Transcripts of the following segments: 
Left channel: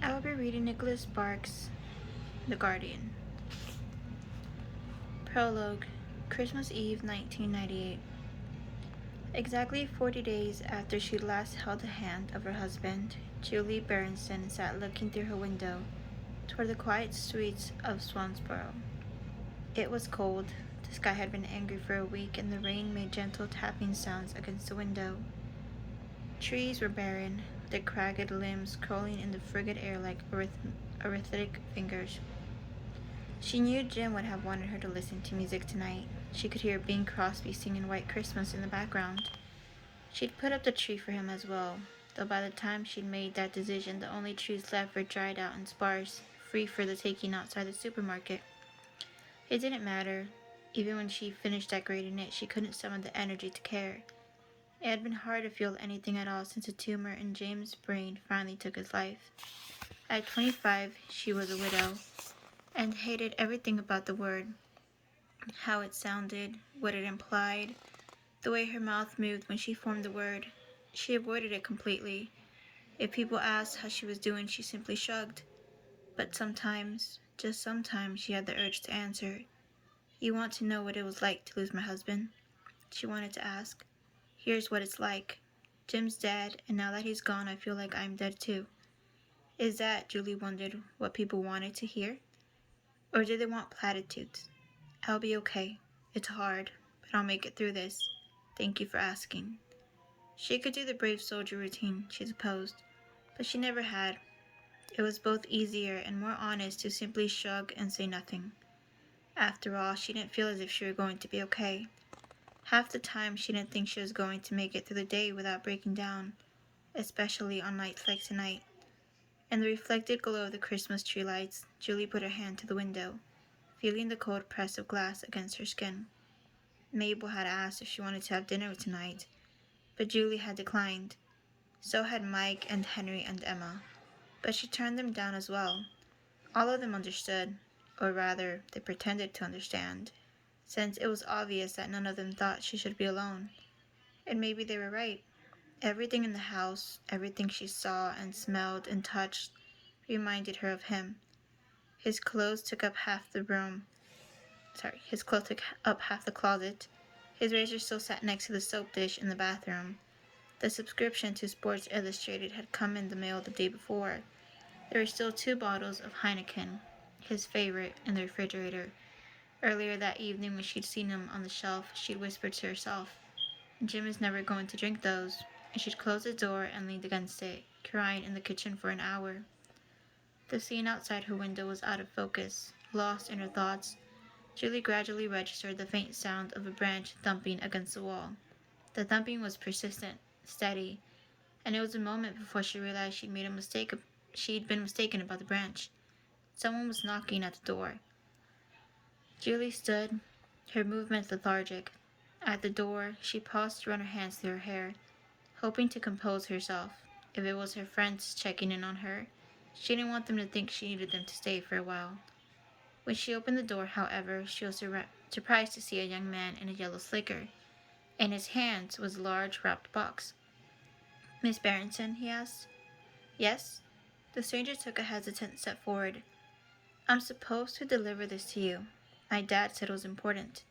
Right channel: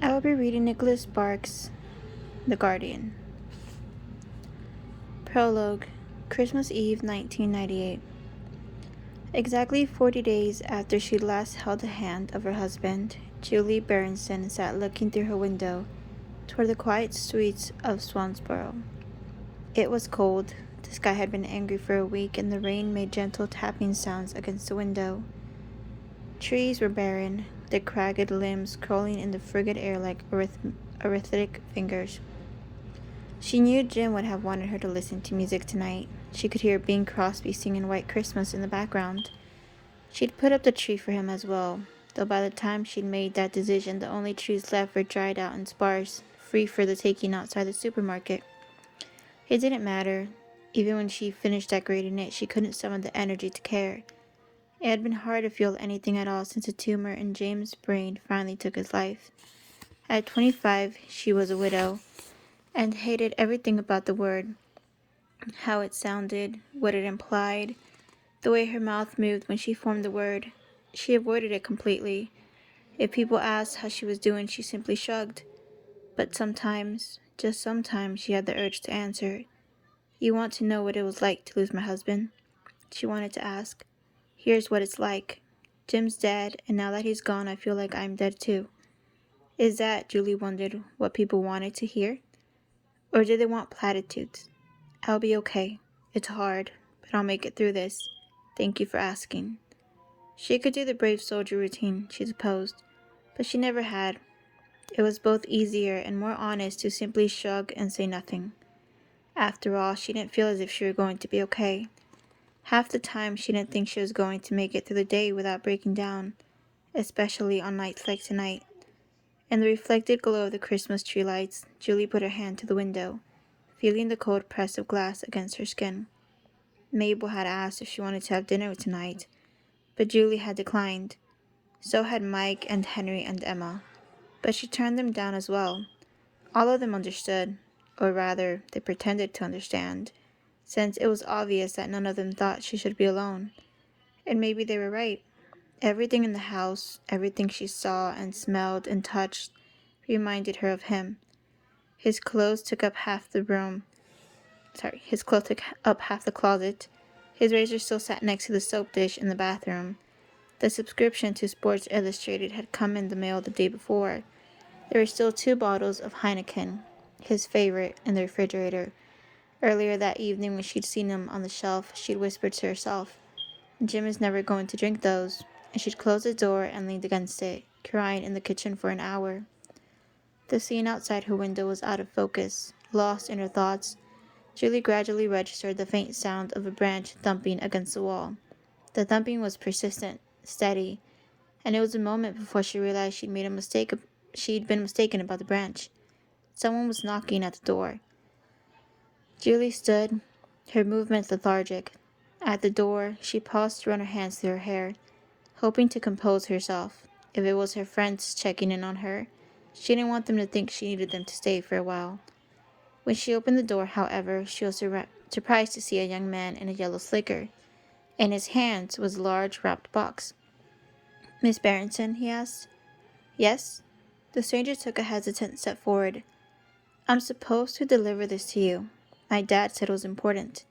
I will be reading Nicholas Sparks' The Guardian. Prologue, Christmas Eve 1998. Exactly 40 days after she last held the hand of her husband, Julie Berenson sat looking through her window toward the quiet streets of Swansboro. It was cold. The sky had been angry for a week, and the rain made gentle tapping sounds against the window. Trees were barren, their cragged limbs curling in the frigid air like arithmetic fingers. She knew Jim would have wanted her to listen to music tonight. She could hear Bing Crosby singing White Christmas in the background. She'd put up the tree for him as well, though by the time she'd made that decision, the only trees left were dried out and sparse, free for the taking outside the supermarket. It didn't matter. Even when she finished decorating it, she couldn't summon the energy to care. It had been hard to feel anything at all since a tumor in James' brain finally took his life. At 25, she was a widow, and hated everything about the word. How it sounded, what it implied, the way her mouth moved when she formed the word. She avoided it completely. If people asked how she was doing, she simply shrugged. But sometimes, just sometimes, she had the urge to answer. You want to know what it was like to lose my husband? She wanted to ask. Here's what it's like. Jim's dead, and now that he's gone, I feel like I'm dead too. Is that, Julie wondered, what people wanted to hear? Or did they want platitudes? I'll be okay. It's hard, but I'll make it through this. Thank you for asking. She could do the brave soldier routine, she supposed, but she never had. It was both easier and more honest to simply shrug and say nothing. After all, she didn't feel as if she were going to be okay. Half the time, she didn't think she was going to make it through the day without breaking down, especially on nights like tonight. In the reflected glow of the Christmas tree lights, Julie put her hand to the window, feeling the cold press of glass against her skin. Mabel had asked if she wanted to have dinner tonight, but Julie had declined. So had Mike and Henry and Emma. But she turned them down as well. All of them understood, or rather, they pretended to understand, since it was obvious that none of them thought she should be alone. And maybe they were right. Everything in the house, everything she saw and smelled and touched, reminded her of him. His clothes took up half the room. His clothes took up half the closet. His razor still sat next to the soap dish in the bathroom. The subscription to Sports Illustrated had come in the mail the day before. There were still 2 bottles of Heineken, his favorite, in the refrigerator. Earlier that evening, when she'd seen them on the shelf, she'd whispered to herself, Jim is never going to drink those, and she'd closed the door and leaned against it, crying in the kitchen for an hour. The scene outside her window was out of focus. Lost in her thoughts, Julie gradually registered the faint sound of a branch thumping against the wall. The thumping was persistent, steady, and it was a moment before she realized she'd been mistaken about the branch. Someone was knocking at the door. Julie stood, her movements lethargic. At the door, she paused to run her hands through her hair, hoping to compose herself. If it was her friends checking in on her, she didn't want them to think she needed them to stay for a while. When she opened the door, however, she was surprised to see a young man in a yellow slicker. In his hands was a large wrapped box. Miss Berenson, he asked. Yes? The stranger took a hesitant step forward. I'm supposed to deliver this to you. My dad said it was important.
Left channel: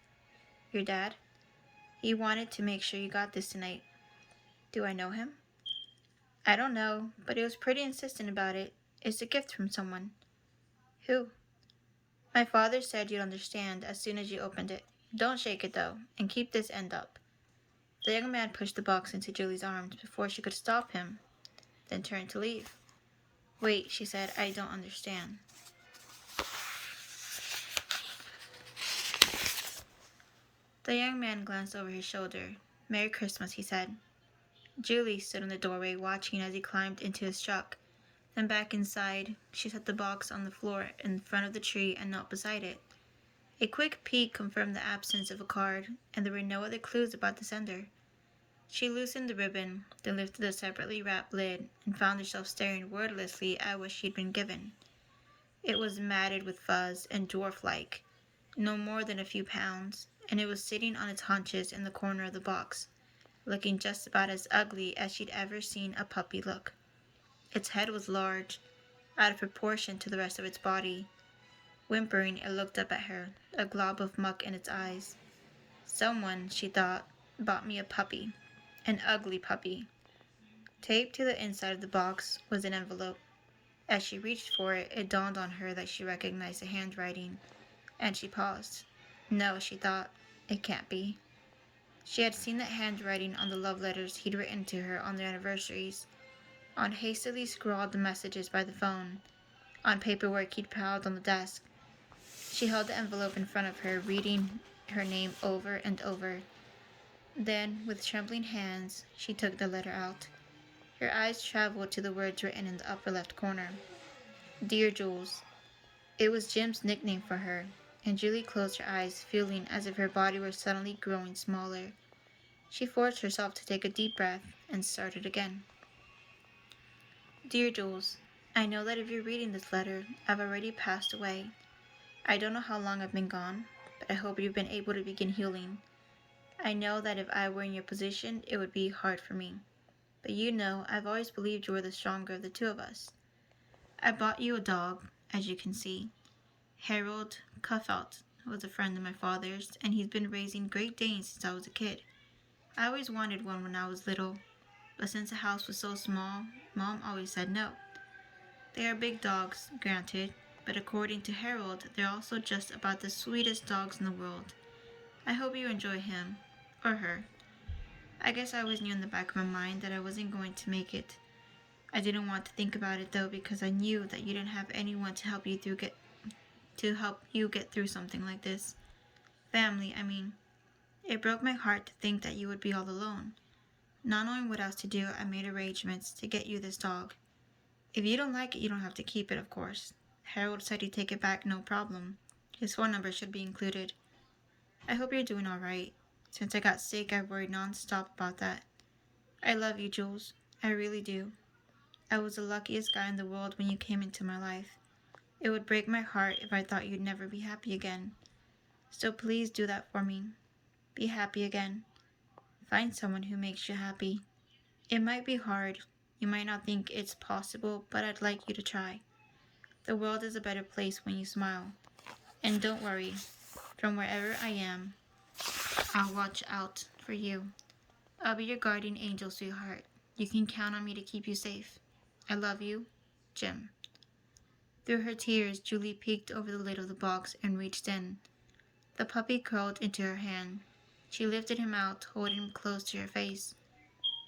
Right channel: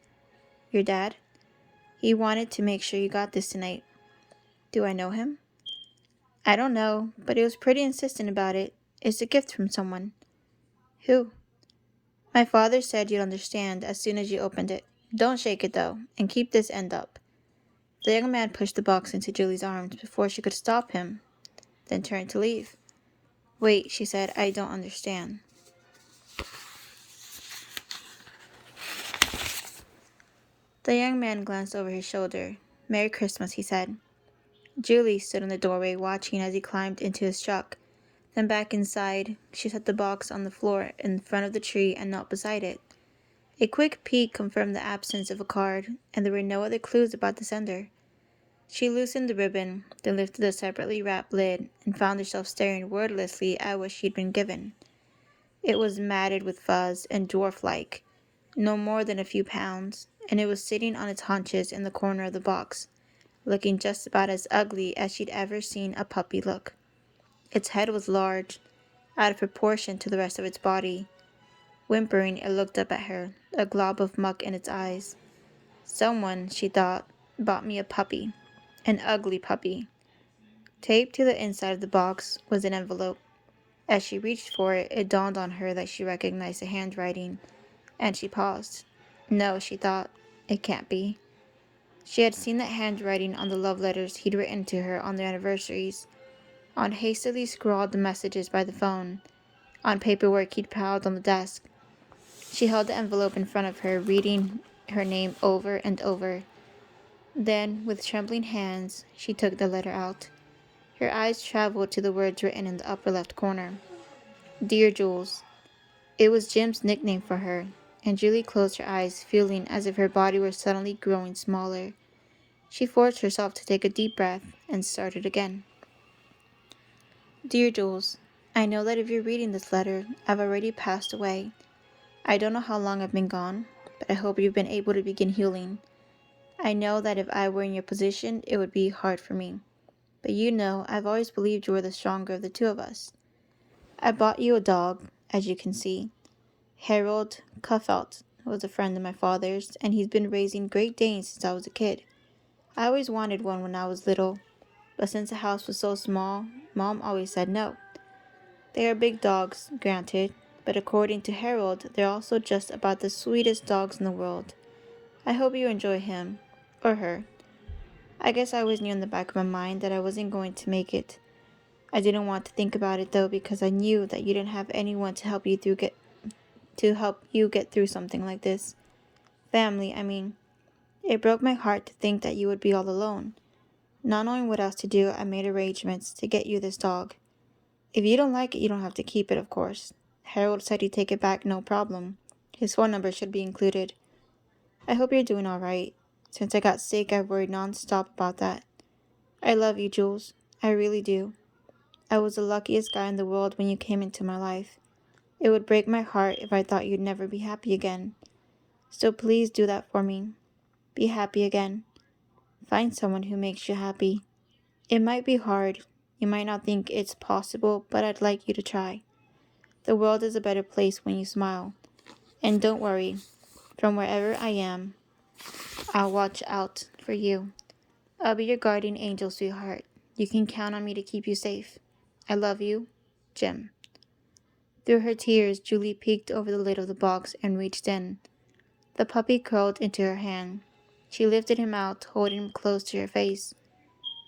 Your dad? He wanted to make sure you got this tonight. Do I know him? I don't know, but he was pretty insistent about it. It's a gift from someone. Who? My father said you'd understand as soon as you opened it. Don't shake it, though, and keep this end up. The young man pushed the box into Julie's arms before she could stop him, then turned to leave. Wait, she said, I don't understand. The young man glanced over his shoulder. Merry Christmas, he said. Julie stood in the doorway watching as he climbed into his truck. Then back inside, she set the box on the floor in front of the tree and knelt beside it. A quick peek confirmed the absence of a card, and there were no other clues about the sender. She loosened the ribbon, then lifted the separately wrapped lid, and found herself staring wordlessly at what she'd been given. It was matted with fuzz and dwarf-like, no more than a few pounds, and it was sitting on its haunches in the corner of the box, looking just about as ugly as she'd ever seen a puppy look. Its head was large, out of proportion to the rest of its body. Whimpering, it looked up at her, a glob of muck in its eyes. Someone, she thought, bought me a puppy. An ugly puppy. Taped to the inside of the box was an envelope. As she reached for it, it dawned on her that she recognized the handwriting, and she paused. No, she thought, it can't be. She had seen that handwriting on the love letters he'd written to her on their anniversaries, on hastily scrawled messages by the phone, on paperwork he'd piled on the desk. She held the envelope in front of her, reading her name over and over. Then, with trembling hands, she took the letter out. Her eyes traveled to the words written in the upper left corner. Dear Jules. It was Jim's nickname for her, and Julie closed her eyes, feeling as if her body were suddenly growing smaller. She forced herself to take a deep breath and started again. Dear Jules, I know that if you're reading this letter, I've already passed away. I don't know how long I've been gone, but I hope you've been able to begin healing. I know that if I were in your position, it would be hard for me. But you know, I've always believed you were the stronger of the two of us. I bought you a dog, as you can see. Harold Cuffelt was a friend of my father's, and he's been raising Great Danes since I was a kid. I always wanted one when I was little, but since the house was so small, Mom always said no. They are big dogs, granted, but according to Harold, they're also just about the sweetest dogs in the world. I hope you enjoy him, or her. I guess I always knew in the back of my mind that I wasn't going to make it. I didn't want to think about it though, because I knew that you didn't have anyone to help you get through something like this. Family, I mean. It broke my heart to think that you would be all alone. Not knowing what else to do, I made arrangements to get you this dog. If you don't like it, you don't have to keep it, of course. Harold said he'd take it back, no problem. His phone number should be included. I hope you're doing all right. Since I got sick, I've worried nonstop about that. I love you, Jules. I really do. I was the luckiest guy in the world when you came into my life. It would break my heart if I thought you'd never be happy again. So please do that for me. Be happy again. Find someone who makes you happy. It might be hard. You might not think it's possible, but I'd like you to try. The world is a better place when you smile. And don't worry, from wherever I am, I'll watch out for you. I'll be your guardian angel, sweetheart. You can count on me to keep you safe. I love you, Jim. Through her tears, Julie peeked over the lid of the box and reached in. The puppy curled into her hand. She lifted him out, holding him close to her face.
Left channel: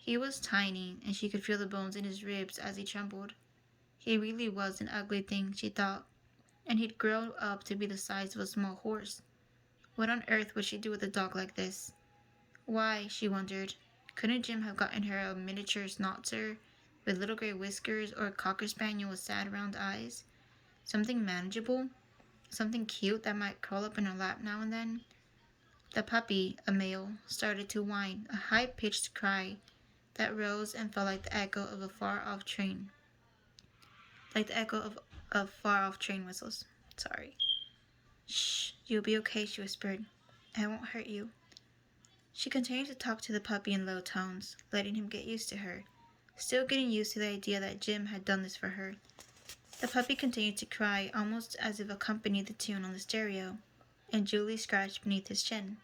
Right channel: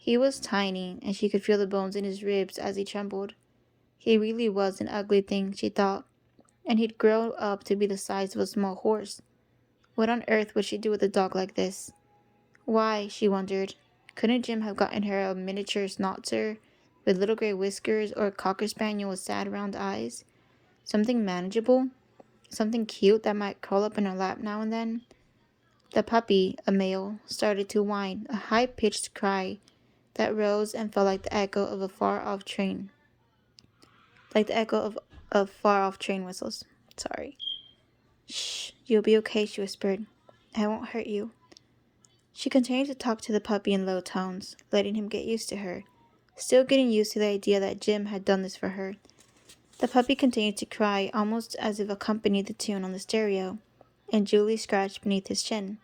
He was tiny, and she could feel the bones in his ribs as he trembled. He really was an ugly thing, she thought, and he'd grow up to be the size of a small horse. What on earth would she do with a dog like this? Why, she wondered, couldn't Jim have gotten her a miniature schnauzer with little gray whiskers, or a cocker spaniel with sad round eyes? Something manageable? Something cute that might curl up in her lap now and then? The puppy, a male, started to whine, a high-pitched cry that rose and fell like the echo of a far-off train. Like the echo of far-off train whistles. Sorry. Shh, you'll be okay, she whispered. I won't hurt you. She continued to talk to the puppy in low tones, letting him get used to her, still getting used to the idea that Jim had done this for her. The puppy continued to cry, almost as if accompanied the tune on the stereo, and Julie scratched beneath his chin.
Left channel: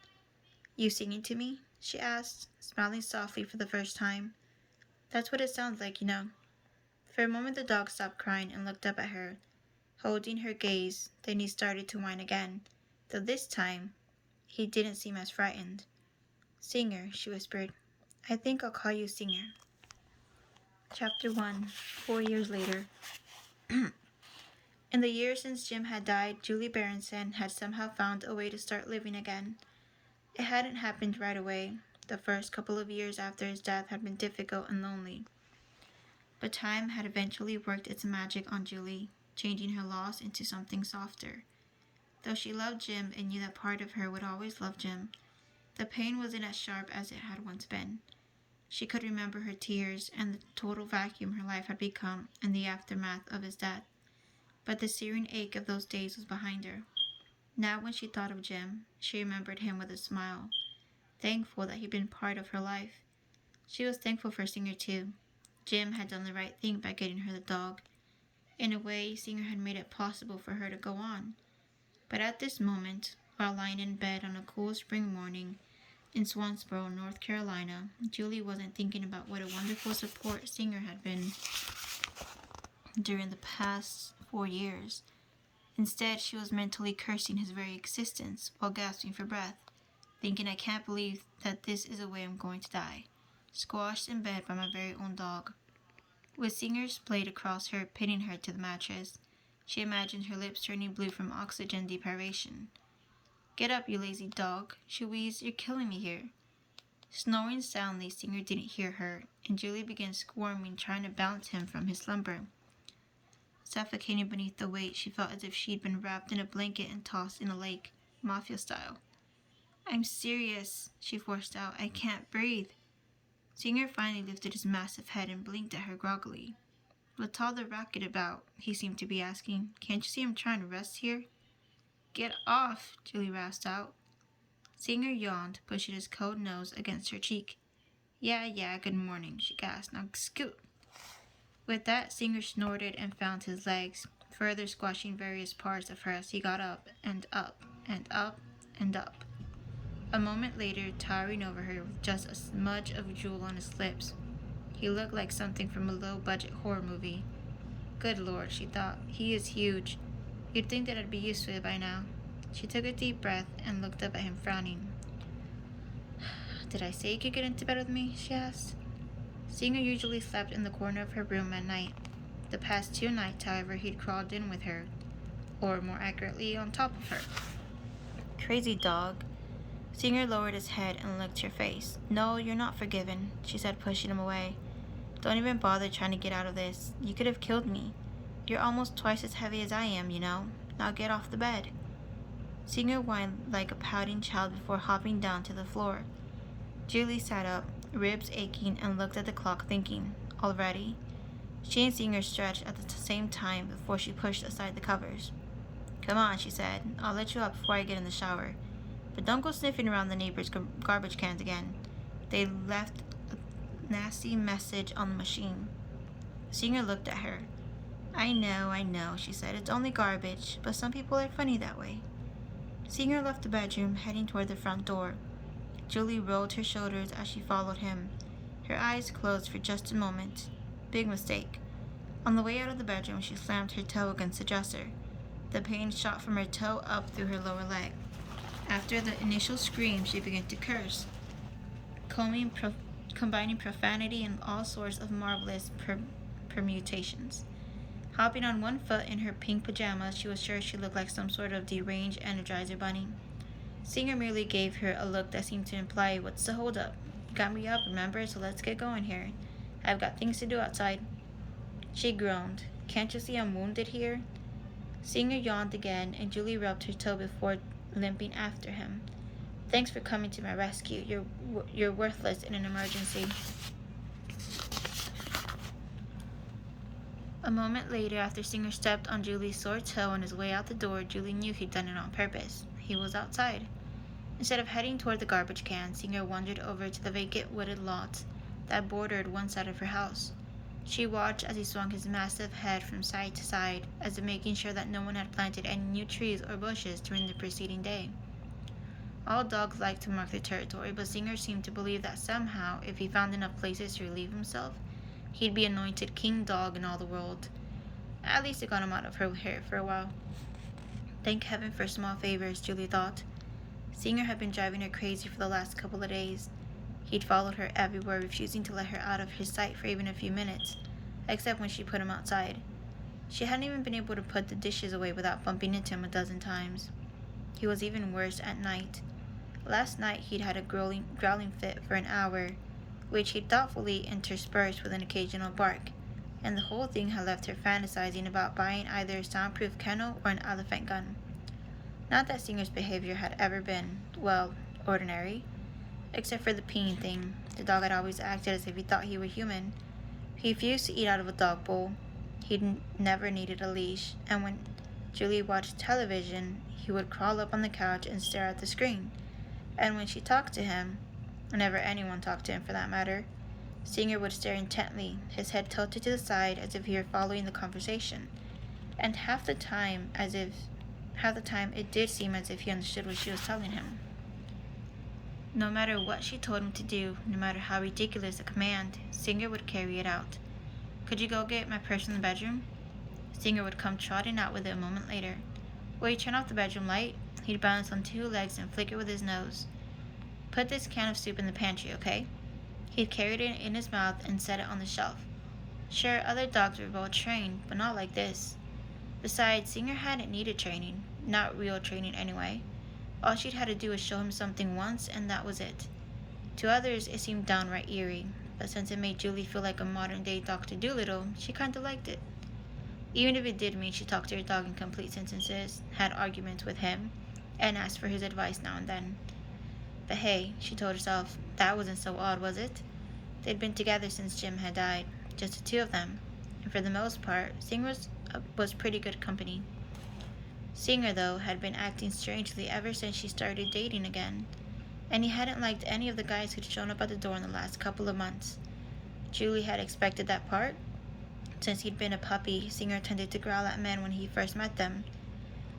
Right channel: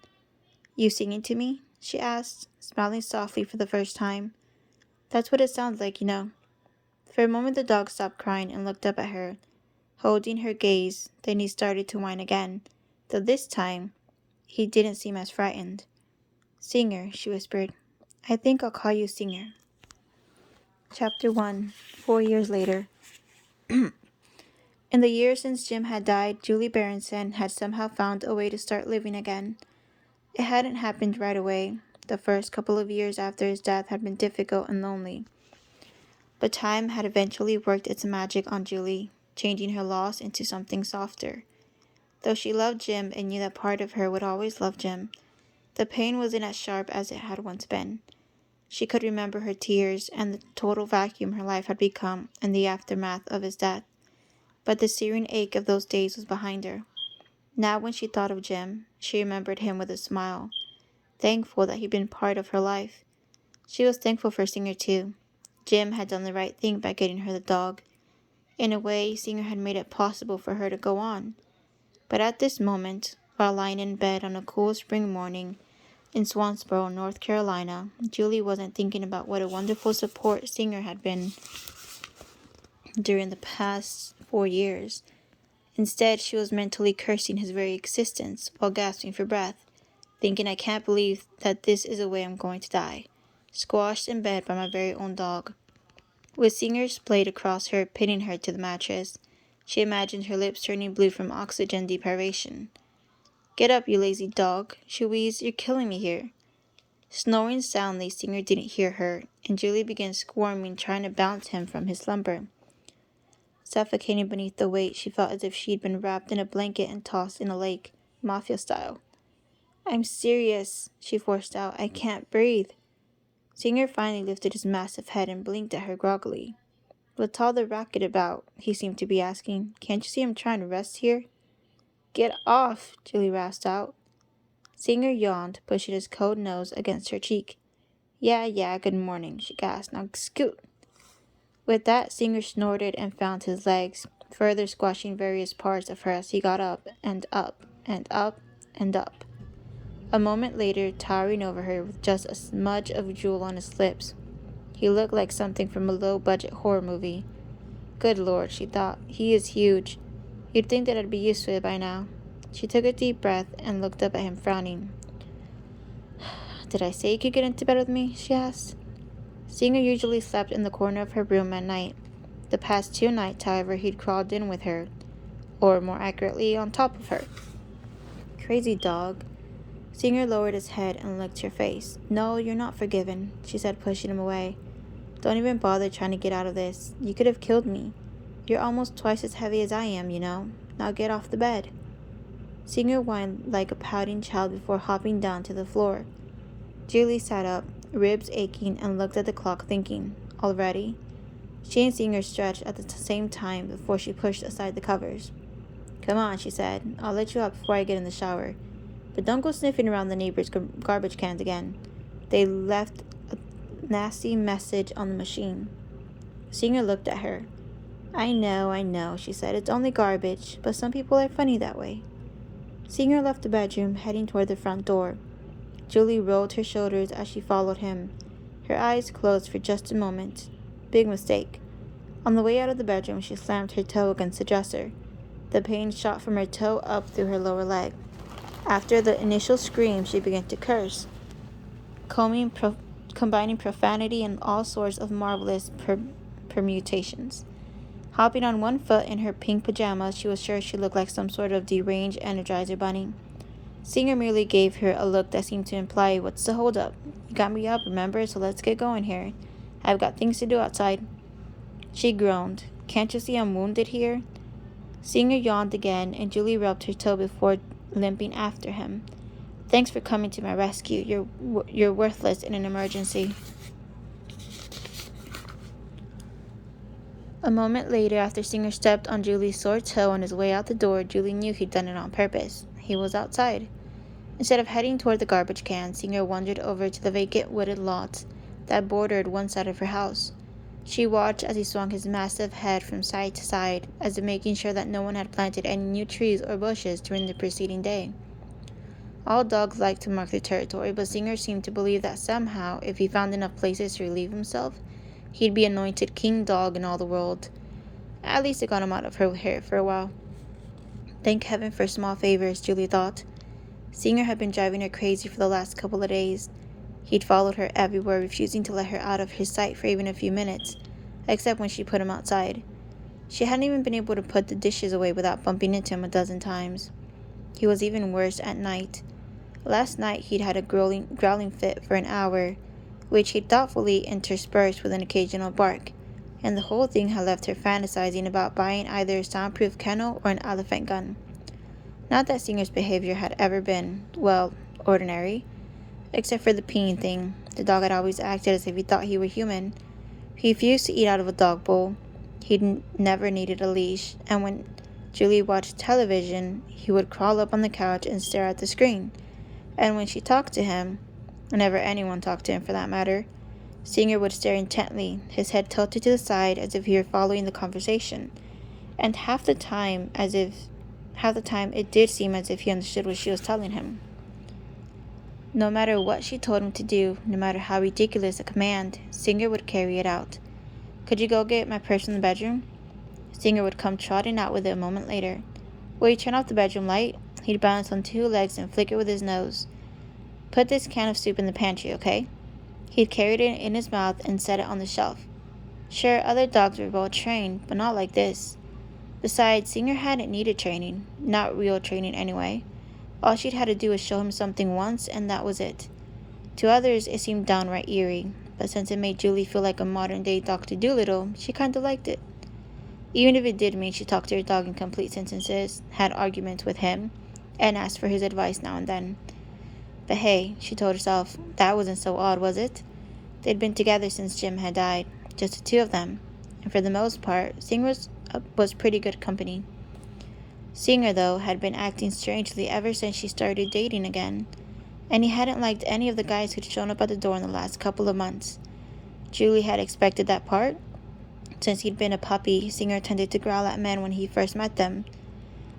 You singing to me? She asked, smiling softly for the first time. That's what it sounds like, you know. For a moment the dog stopped crying and looked up at her, holding her gaze. Then he started to whine again, though this time he didn't seem as frightened. Singer, she whispered. I think I'll call you Singer. Chapter 1, 4 years later. In the years since Jim had died, Julie Berenson had somehow found a way to start living again. It hadn't happened right away. The first couple of years after his death had been difficult and lonely. But time had eventually worked its magic on Julie, changing her loss into something softer. Though she loved Jim and knew that part of her would always love Jim, the pain wasn't as sharp as it had once been. She could remember her tears and the total vacuum her life had become in the aftermath of his death. But the searing ache of those days was behind her. Now when she thought of Jim, she remembered him with a smile, thankful that he'd been part of her life. She was thankful for Singer too. Jim had done the right thing by getting her the dog. In a way, Singer had made it possible for her to go on. But at this moment, while lying in bed on a cool spring morning in Swansboro, North Carolina, Julie wasn't thinking about what a wonderful support Singer had been during the past 4 years. Instead, she was mentally cursing his very existence while gasping for breath, thinking, I can't believe that this is the way I'm going to die, squashed in bed by my very own dog. With Singer splayed across her, pinning her to the mattress, she imagined her lips turning blue from oxygen deprivation. Get up, you lazy dog, she wheezed. You're killing me here. Snoring soundly, Singer didn't hear her, and Julie began squirming, trying to bounce him from his slumber. Suffocating beneath the weight, she felt as if she'd been wrapped in a blanket and tossed in a lake, mafia style. I'm serious, she forced out. I can't breathe. Singer finally lifted his massive head and blinked at her groggily. What's all the racket about? He seemed to be asking. Can't you see I'm trying to rest here? Get off, Julie rasped out. Singer yawned, pushing his cold nose against her cheek. Yeah, good morning, she gasped. Now scoot. With that, Singer snorted and found his legs, further squashing various parts of her as he got up and up and up and up. A moment later, towering over her with just a smudge of drool on his lips, he looked like something from a low-budget horror movie. Good Lord, she thought. He is huge. You'd think that I'd be used to it by now. She took a deep breath and looked up at him, frowning. Did I say you could get into bed with me? She asked. Singer usually slept in the corner of her room at night. The past 2 nights, however, he'd crawled in with her, or more accurately, on top of her. Crazy dog. Singer lowered his head and looked her face. No, you're not forgiven, she said, pushing him away. Don't even bother trying to get out of this. You could have killed me. You're almost twice as heavy as I am, you know. Now get off the bed. Singer whined like a pouting child before hopping down to the floor. Julie sat up, ribs aching, and looked at the clock, thinking, already? She and Singer stretched at the same time before she pushed aside the covers. Come on, she said. I'll let you out before I get in the shower. But don't go sniffing around the neighbors' garbage cans again. They left a nasty message on the machine. Singer looked at her. I know, she said. It's only garbage, but some people are funny that way. Singer left the bedroom, heading toward the front door. Julie rolled her shoulders as she followed him. Her eyes closed for just a moment. Big mistake. On the way out of the bedroom, she slammed her toe against the dresser. The pain shot from her toe up through her lower leg. After the initial scream, she began to curse, combining profanity and all sorts of marvelous permutations. Hopping on one foot in her pink pajamas, she was sure she looked like some sort of deranged Energizer bunny. Singer merely gave her a look that seemed to imply, what's the holdup? You got me up, remember, so let's get going here. I've got things to do outside. She groaned. Can't you see I'm wounded here? Singer yawned again, and Julie rubbed her toe before limping after him. Thanks for coming to my rescue. You're worthless in an emergency. A moment later, after Singer stepped on Julie's sore toe on his way out the door, Julie knew he'd done it on purpose. He was outside. Instead of heading toward the garbage can, Singer wandered over to the vacant wooded lot that bordered one side of her house. She watched as he swung his massive head from side to side, as if making sure that no one had planted any new trees or bushes during the preceding day. All dogs like to mark their territory, but Singer seemed to believe that somehow, if he found enough places to relieve himself, he'd be anointed king dog in all the world. At least it got him out of her hair for a while. Thank heaven for small favors, Julie thought. Singer had been driving her crazy for the last couple of days. He'd followed her everywhere, refusing to let her out of his sight for even a few minutes, except when she put him outside. She hadn't even been able to put the dishes away without bumping into him a dozen times. He was even worse at night. Last night he'd had a growling fit for an hour, which he'd thoughtfully interspersed with an occasional bark, and the whole thing had left her fantasizing about buying either a soundproof kennel or an elephant gun. Not that Singer's behavior had ever been, well, ordinary. Except for the peeing thing. The dog had always acted as if he thought he were human. He refused to eat out of a dog bowl. He'd never needed a leash, and when Julie watched television, he would crawl up on the couch and stare at the screen. And when she talked to him, whenever anyone talked to him for that matter, Singer would stare intently, his head tilted to the side as if he were following the conversation, and half the time it did seem as if he understood what she was telling him. No matter what she told him to do, no matter how ridiculous a command, Singer would carry it out. "Could you go get my purse in the bedroom?" Singer would come trotting out with it a moment later. "Will you turn off the bedroom light?" He'd balance on two legs and flick it with his nose. "Put this can of soup in the pantry, okay?" He'd carried it in his mouth and set it on the shelf. Sure, other dogs were well trained, but not like this. Besides, Singer hadn't needed training. Not real training, anyway. All she'd had to do was show him something once, and that was it. To others, it seemed downright eerie, but since it made Julie feel like a modern-day Dr. Dolittle, she kind of liked it. Even if it did mean she talked to her dog in complete sentences, had arguments with him, and asked for his advice now and then. But hey, she told herself, that wasn't so odd, was it? They'd been together since Jim had died, just the two of them, and for the most part, Singer was pretty good company. Singer, though, had been acting strangely ever since she started dating again, and he hadn't liked any of the guys who'd shown up at the door in the last couple of months. Julie had expected that part. Since he'd been a puppy, Singer tended to growl at men when he first met them.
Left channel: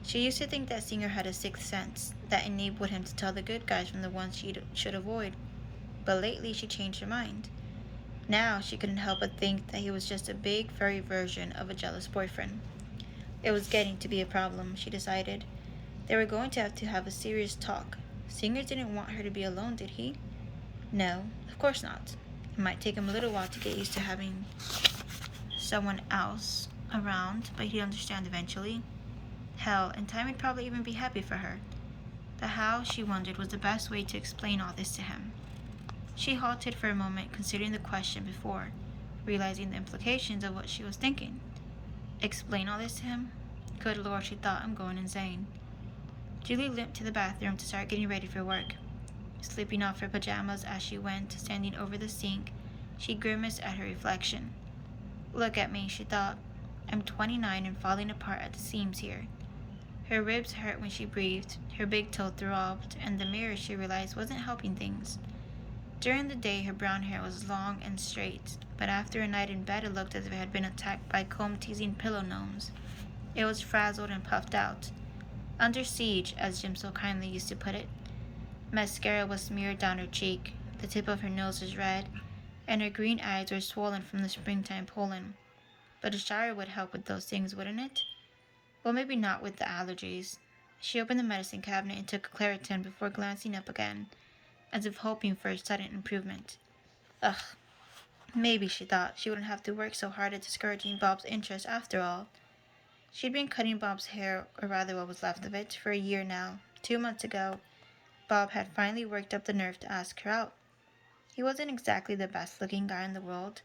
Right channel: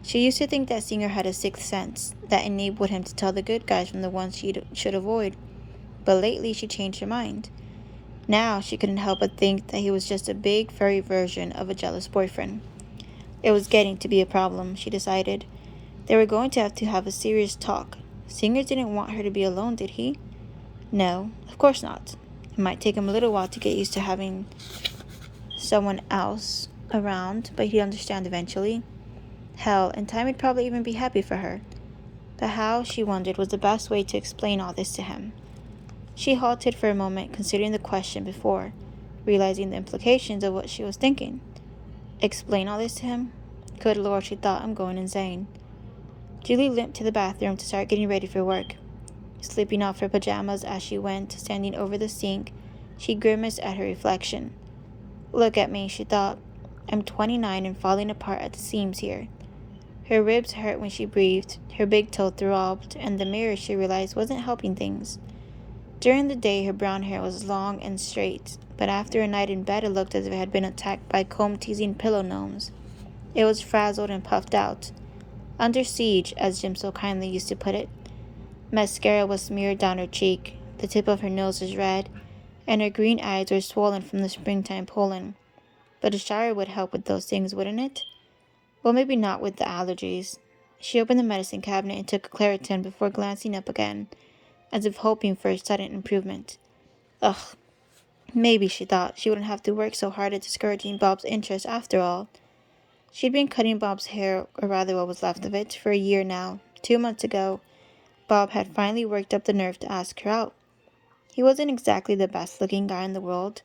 She used to think that Singer had a sixth sense that enabled him to tell the good guys from the ones she should avoid, but lately she changed her mind. Now she couldn't help but think that he was just a big, furry version of a jealous boyfriend. It was getting to be a problem, she decided. They were going to have a serious talk. Singer didn't want her to be alone, did he? No, of course not. It might take him a little while to get used to having someone else around, but he'd understand eventually. Hell, in time he'd probably even be happy for her. But how, she wondered, was the best way to explain all this to him? She halted for a moment, considering the question before, realizing the implications of what she was thinking. Explain all this to him? Good Lord, she thought, I'm going insane. Julie limped to the bathroom to start getting ready for work. Slipping off her pajamas as she went, standing over the sink, she grimaced at her reflection. Look at me, she thought. I'm 29 and falling apart at the seams here. Her ribs hurt when she breathed, her big toe throbbed, and the mirror, she realized, wasn't helping things. During the day, her brown hair was long and straight, but after a night in bed, it looked as if it had been attacked by comb-teasing pillow gnomes. It was frazzled and puffed out. Under siege, as Jim so kindly used to put it. Mascara was smeared down her cheek, the tip of her nose was red, and her green eyes were swollen from the springtime pollen. But a shower would help with those things, wouldn't it? Well, maybe not with the allergies. She opened the medicine cabinet and took a Claritin before glancing up again, as if hoping for a sudden improvement. Ugh, maybe, she thought, she wouldn't have to work so hard at discouraging Bob's interest after all. She'd been cutting Bob's hair, or rather what was left of it, for a year now. 2 months ago, Bob had finally worked up the nerve to ask her out. He wasn't exactly the best-looking guy in the world,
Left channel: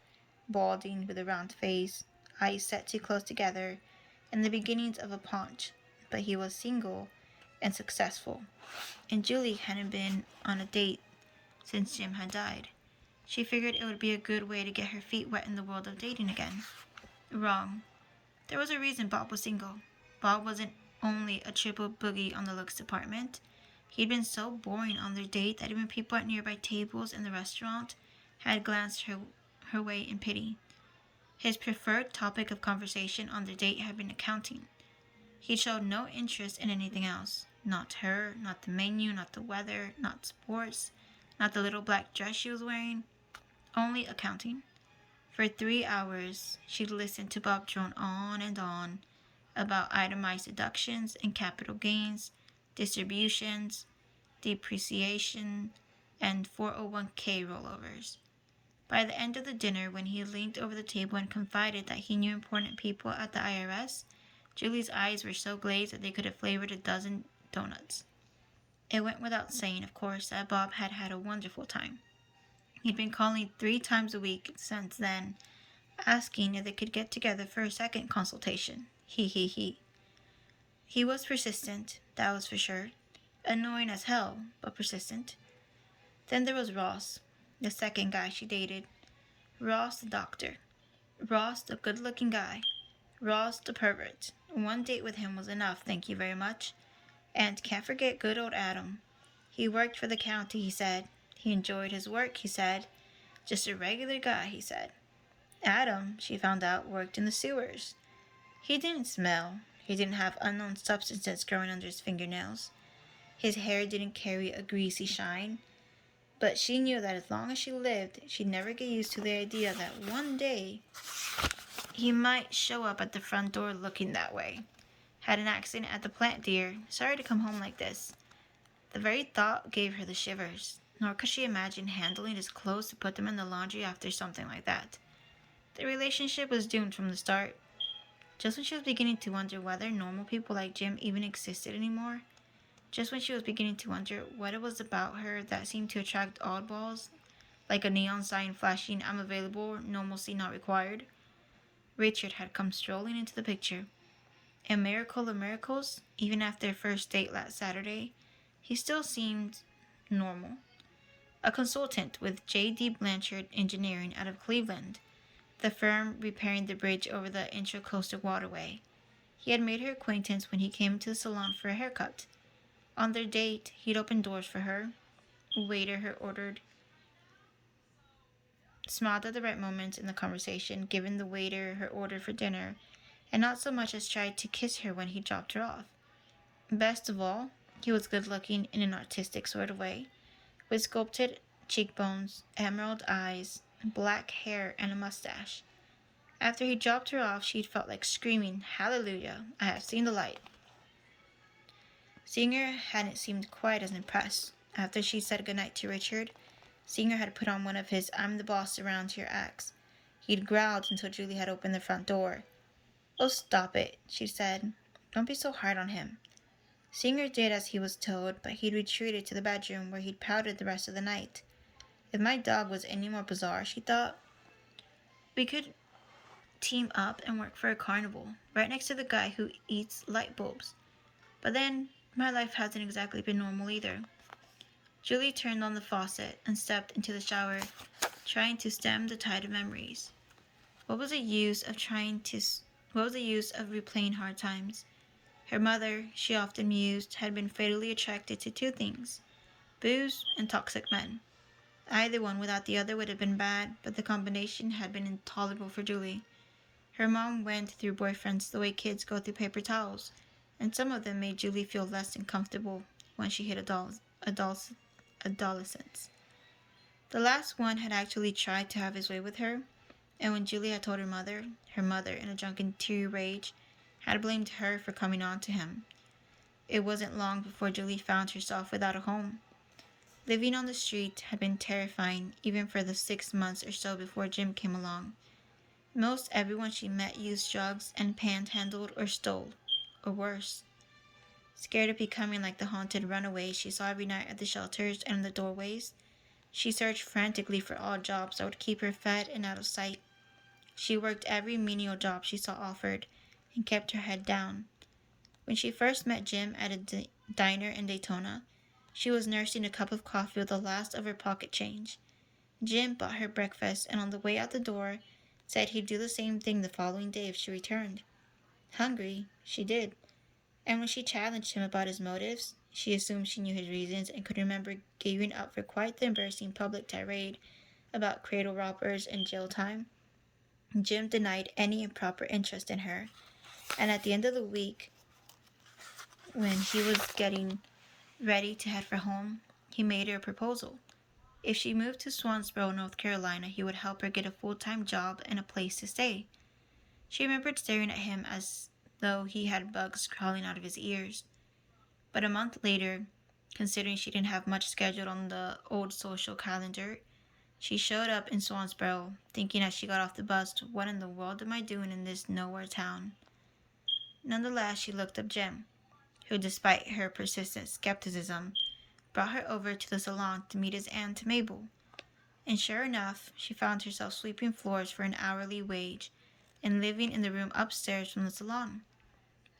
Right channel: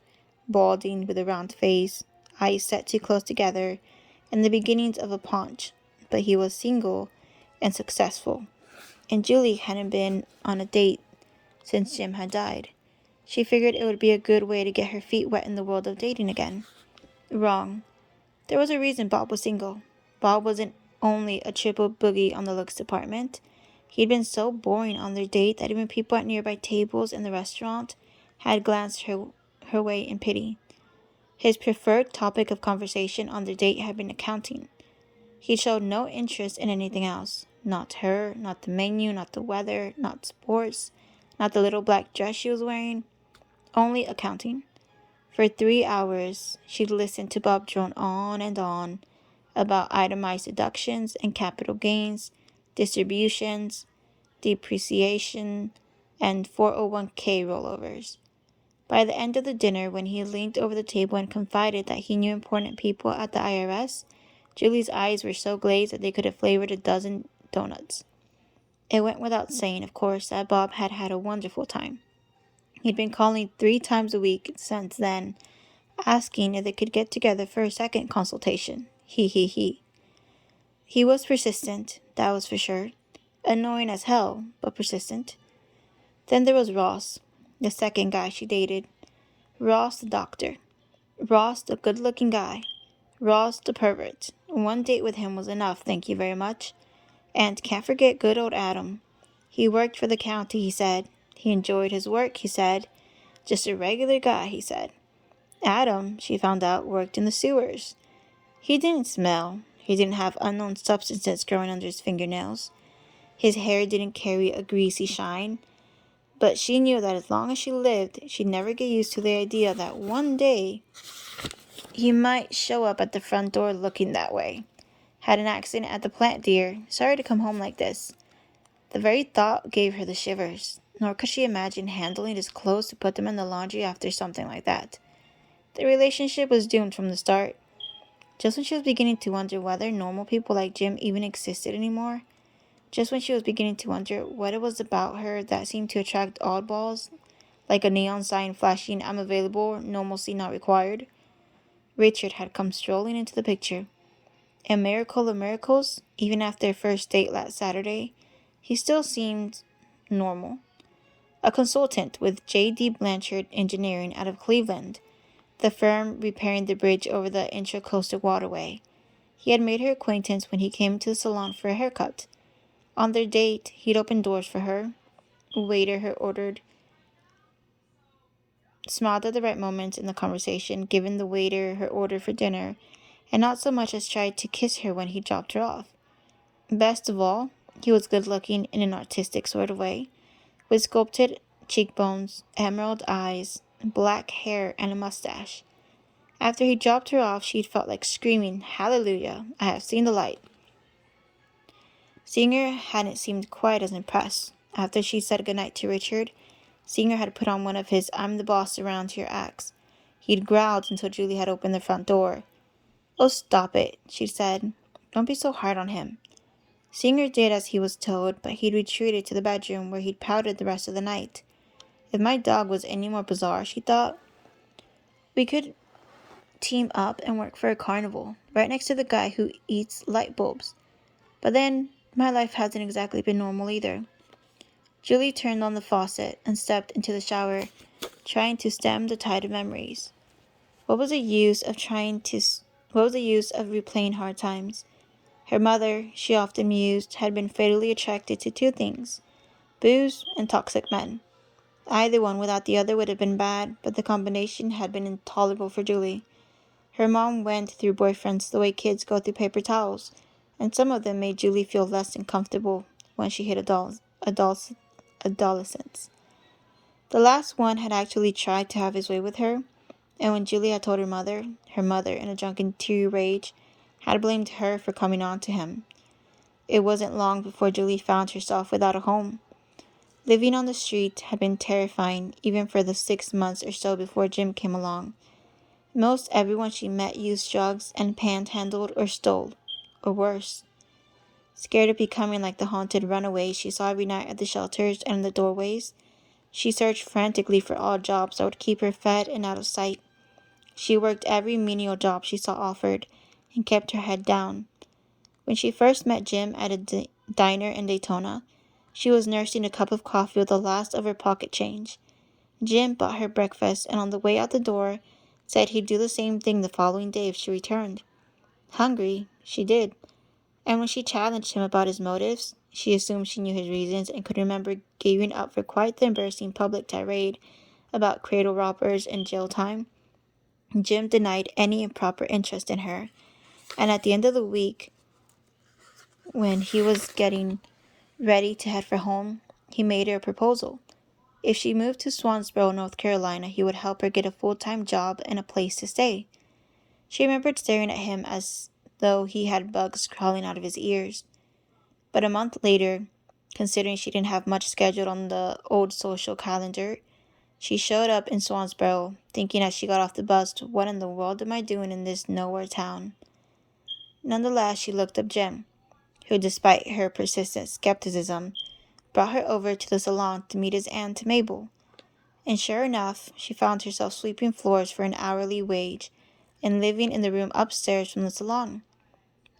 balding with a round face, eyes set too close together, and the beginnings of a paunch, but he was single and successful, and Julie hadn't been on a date since Jim had died. She figured it would be a good way to get her feet wet in the world of dating again. Wrong. There was a reason Bob was single. Bob wasn't only a triple boogie on the looks department. He'd been so boring on their date that even people at nearby tables in the restaurant had glanced her way in pity. His preferred topic of conversation on the date had been accounting. He showed no interest in anything else. Not her, not the menu, not the weather, not sports, not the little black dress she was wearing. Only accounting. For 3 hours, she'd listened to Bob drone on and on about itemized deductions and capital gains, distributions, depreciation, and 401k rollovers. By the end of the dinner, when he leaned over the table and confided that he knew important people at the IRS, Julie's eyes were so glazed that they could have flavored a dozen donuts. It went without saying, of course, that Bob had had a wonderful time. He'd been calling 3 times a week since then, asking if they could get together for a second consultation. He. He was persistent, that was for sure. Annoying as hell, but persistent. Then there was Ross, the second guy she dated. Ross the doctor. Ross the good-looking guy. Ross the pervert. One date with him was enough, thank you very much. And can't forget good old Adam. He worked for the county, he said. He enjoyed his work, he said. Just a regular guy, he said. Adam, she found out, worked in the sewers. He didn't smell. He didn't have unknown substances growing under his fingernails. His hair didn't carry a greasy shine. But she knew that as long as she lived, she'd never get used to the idea that one day he might show up at the front door looking that way. Had an accident at the plant, dear. Sorry to come home like this. The very thought gave her the shivers. Nor could she imagine handling his clothes to put them in the laundry after something like that. The relationship was doomed from the start. Just when she was beginning to wonder whether normal people like Jim even existed anymore, just when she was beginning to wonder what it was about her that seemed to attract oddballs, like a neon sign flashing "I'm available, normalcy not required," Richard had come strolling into the picture. A miracle of miracles, even after their first date last Saturday, he still seemed normal. A consultant with J.D. Blanchard Engineering out of Cleveland, the firm repairing the bridge over the Intracoastal Waterway. He had made her acquaintance when he came to the salon for a haircut. On their date, he'd opened doors for her. A waiter her ordered smiled at the right moments in the conversation, given the waiter her order for dinner, and not so much as tried to kiss her when he dropped her off. Best of all, he was good looking in an artistic sort of way, with sculpted cheekbones, emerald eyes, black hair, and a mustache. After he dropped her off, she'd felt like screaming, "Hallelujah, I have seen the light." Singer hadn't seemed quite as impressed. After she said goodnight to Richard, Singer had put on one of his "I'm the boss around here" acts. He'd growled until Julie had opened the front door. "Oh, stop it," she said. "Don't be so hard on him." Singer did as he was told, but he'd retreated to the bedroom where he'd pouted the rest of the night. If my dog was any more bizarre, she thought, we could team up and work for a carnival, right next to the guy who eats light bulbs. But then, my life hasn't exactly been normal either. Julie turned on the faucet and stepped into the shower, trying to stem the tide of memories. What was the use of replaying hard times? Her mother, she often mused, had been fatally attracted to two things: booze and toxic men. Either one without the other would have been bad, but the combination had been intolerable for Julie. Her mom went through boyfriends the way kids go through paper towels, and some of them made Julie feel less than comfortable when she hit adolescence. The last one had actually tried to have his way with her, and when Julie had told her mother, in a drunken teary rage, had blamed her for coming on to him. It wasn't long before Julie found herself without a home. Living on the street had been terrifying, even for the 6 months or so before Jim came along. Most everyone she met used drugs and panhandled or stole, or worse. Scared of becoming like the haunted runaways she saw every night at the shelters and in the doorways, she searched frantically for odd jobs that would keep her fed and out of sight. She worked every menial job she saw offered and kept her head down. When she first met Jim at a diner in Daytona, she was nursing a cup of coffee with the last of her pocket change. Jim bought her breakfast, and on the way out the door, said he'd do the same thing the following day if she returned. Hungry, she did. And when she challenged him about his motives, she assumed she knew his reasons and could remember gearing up for quite the embarrassing public tirade about cradle robbers and jail time. Jim denied any improper interest in her, and at the end of the week, when he was getting ready to head for home, he made her a proposal. If she moved to Swansboro, North Carolina, he would help her get a full-time job and a place to stay. She remembered staring at him as though he had bugs crawling out of his ears. But a month later, considering she didn't have much scheduled on the old social calendar, she showed up in Swansboro, thinking as she got off the bus, what in the world am I doing in this nowhere town? Nonetheless, she looked up Jim, who, despite her persistent skepticism, brought her over to the salon to meet his aunt Mabel. And sure enough, she found herself sweeping floors for an hourly wage and living in the room upstairs from the salon.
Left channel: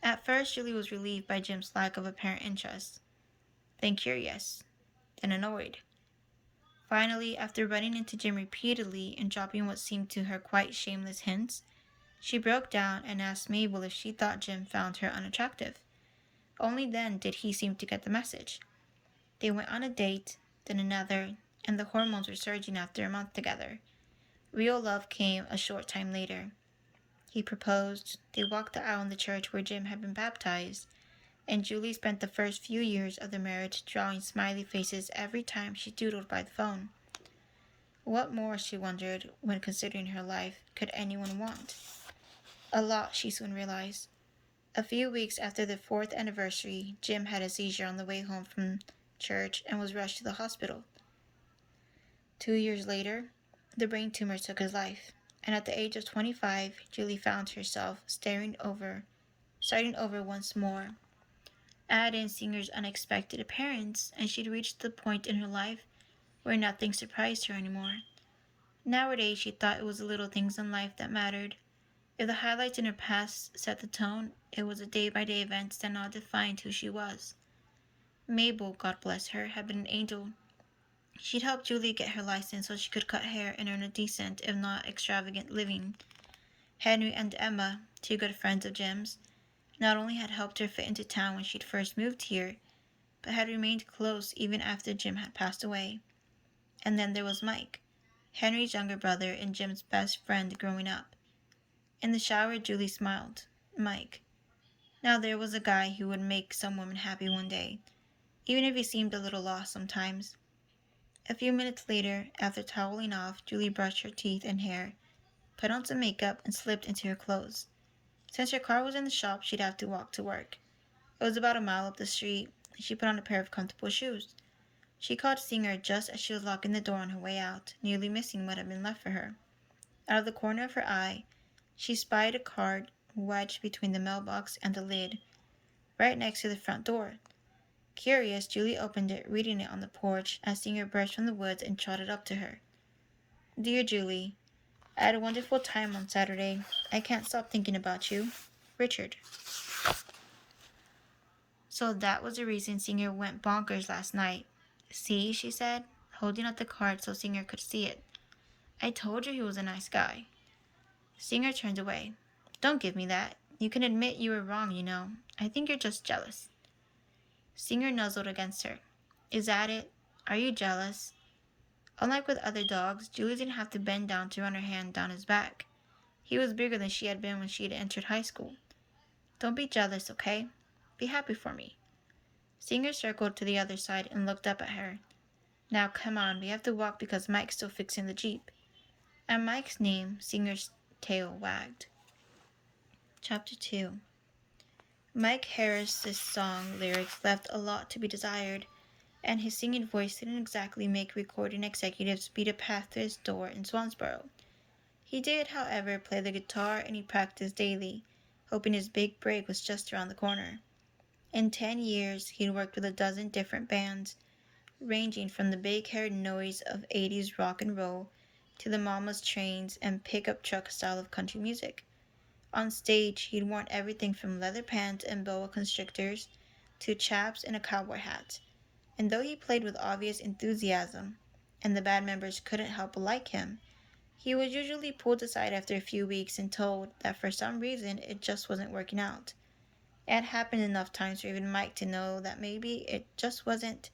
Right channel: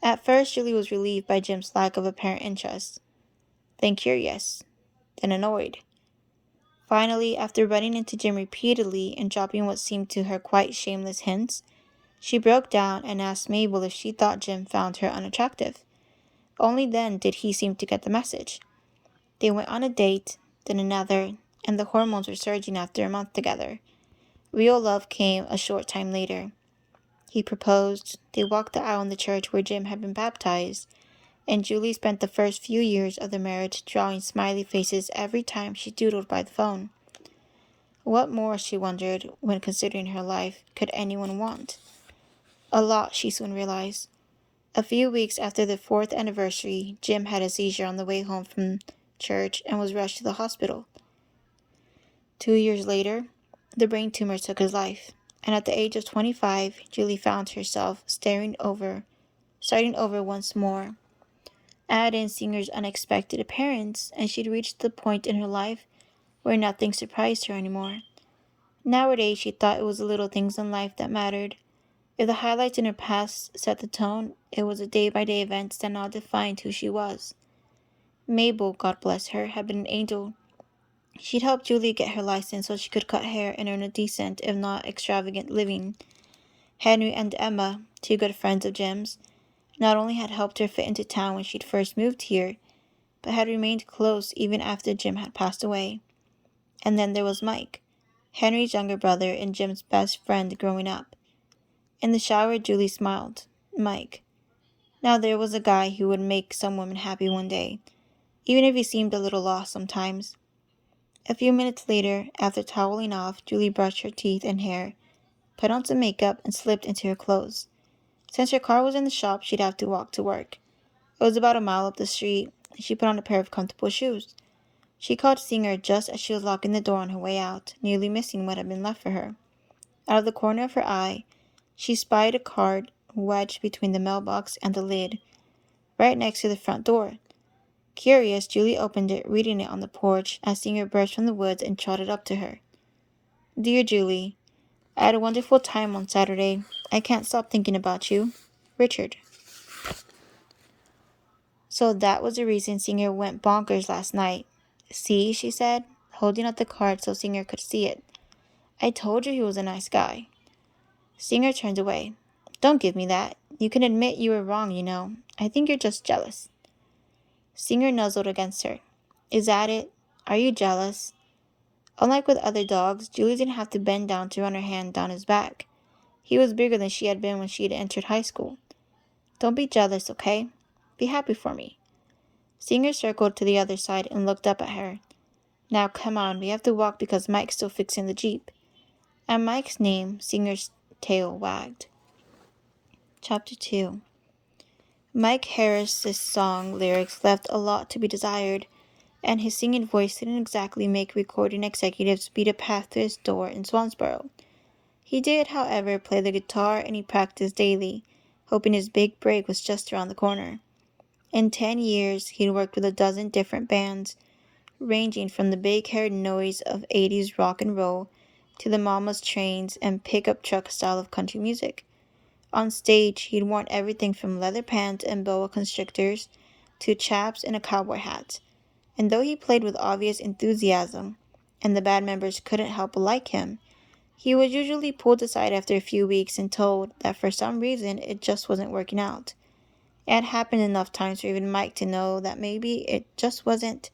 At first, Julie was relieved by Jim's lack of apparent interest, then curious, then annoyed. Finally, after running into Jim repeatedly and dropping what seemed to her quite shameless hints, she broke down and asked Mabel if she thought Jim found her unattractive. Only then did he seem to get the message. They went on a date, then another, and the hormones were surging after a month together. Real love came a short time later. He proposed. They walked the aisle in the church where Jim had been baptized, and Julie spent the first few years of the marriage drawing smiley faces every time she doodled by the phone. What more, she wondered, when considering her life, could anyone want? A lot, she soon realized. A few weeks after the 4th anniversary, Jim had a seizure on the way home from church and was rushed to the hospital. 2 years later, the brain tumor took his life, and at the age of 25, Julie found herself starting over once more. Add in Singer's unexpected appearance, and she'd reached the point in her life where nothing surprised her anymore. Nowadays, she thought it was the little things in life that mattered. If the highlights in her past set the tone, it was the day-by-day events that now defined who she was. Mabel, God bless her, had been an angel. She'd helped Julie get her license so she could cut hair and earn a decent, if not extravagant, living. Henry and Emma, two good friends of Jim's, not only had helped her fit into town when she'd first moved here, but had remained close even after Jim had passed away. And then there was Mike, Henry's younger brother and Jim's best friend growing up. In the shower, Julie smiled. Mike. Now there was a guy who would make some woman happy one day, even if he seemed a little lost sometimes. A few minutes later, after toweling off, Julie brushed her teeth and hair, put on some makeup, and slipped into her clothes. Since her car was in the shop, she'd have to walk to work. It was about a mile up the street, and she put on a pair of comfortable shoes. She called Singer just as she was locking the door on her way out, nearly missing what had been left for her. Out of the corner of her eye, she spied a card wedged between the mailbox and the lid, right next to the front door. Curious, Julie opened it, reading it on the porch as Singer burst from the woods and trotted up to her. Dear Julie, I had a wonderful time on Saturday. I can't stop thinking about you. Richard. So that was the reason Singer went bonkers last night. See, she said, holding out the card so Singer could see it. I told you he was a nice guy. Singer turned away. Don't give me that. You can admit you were wrong, you know. I think you're just jealous. Singer nuzzled against her. Is that it? Are you jealous? Unlike with other dogs, Julie didn't have to bend down to run her hand down his back. He was bigger than she had been when she had entered high school. Don't be jealous, okay? Be happy for me. Singer circled to the other side and looked up at her. Now come on, we have to walk because Mike's still fixing the Jeep. At Mike's name, Singer's tail wagged. Chapter 2. Mike Harris's song lyrics left a lot to be desired, and his singing voice didn't exactly make recording executives beat a path to his door in Swansboro. He did, however, play the guitar, and he practiced daily, hoping his big break was just around the corner. In 10 years, he'd worked with a dozen different bands, ranging from the big-haired noise of 80s rock and roll to the mama's trains and pickup truck style of country music. On stage, he'd worn everything from leather pants and boa constrictors to chaps and a cowboy hat. And though he played with obvious enthusiasm, and the band members couldn't help but like him, he was usually pulled aside after a few weeks and told that for some reason it just wasn't working out. It had happened enough times for even Mike to know that maybe it wasn't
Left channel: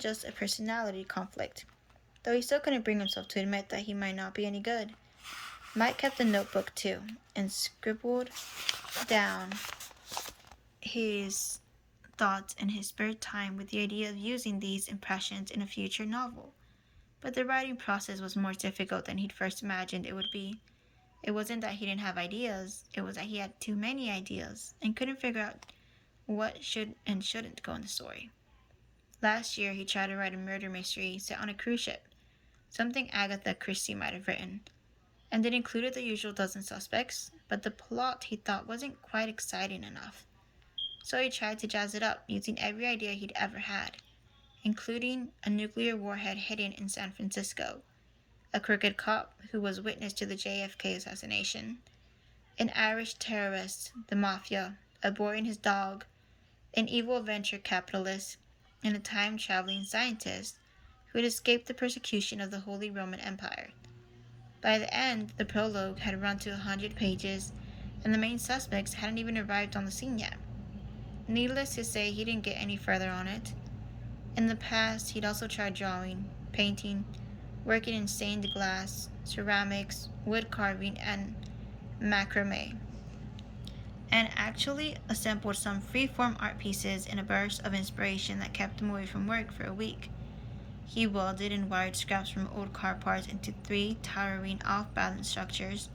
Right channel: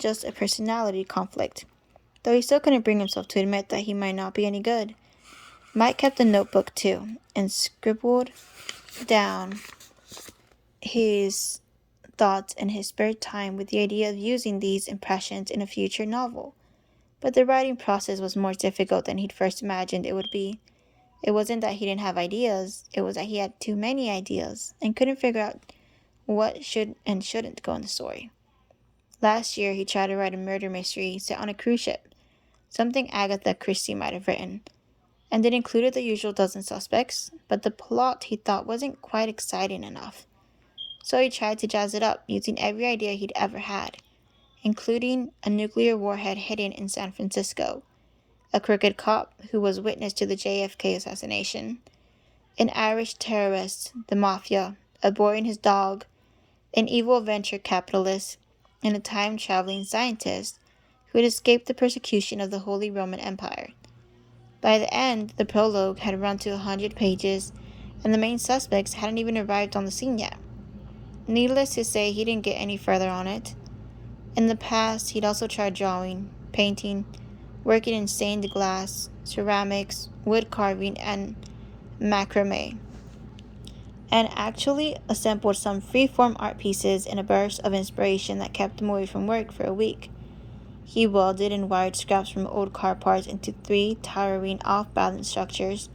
just a personality conflict, though he still couldn't bring himself to admit that he might not be any good. Mike kept a notebook too, and scribbled down his thoughts in his spare time with the idea of using these impressions in a future novel. But the writing process was more difficult than he'd first imagined it would be. It wasn't that he didn't have ideas, it was that he had too many ideas and couldn't figure out what should and shouldn't go in the story. Last year, he tried to write a murder mystery set on a cruise ship, something Agatha Christie might have written, and it included the usual dozen suspects, but the plot he thought wasn't quite exciting enough. So he tried to jazz it up using every idea he'd ever had, including a nuclear warhead hidden in San Francisco, a crooked cop who was witness to the JFK assassination, an Irish terrorist, the mafia, a boy and his dog, an evil venture capitalist, and a time-traveling scientist who had escaped the persecution of the Holy Roman Empire. By the end, the prologue had run to 100 pages, and the main suspects hadn't even arrived on the scene yet. Needless to say, he didn't get any further on it. In the past, he'd also tried drawing, painting, working in stained glass, ceramics, wood carving, and macrame, and actually assembled some free-form art pieces in a burst of inspiration that kept him away from work for a week. He welded and wired scraps from old car parts into 3 towering off-balance structures,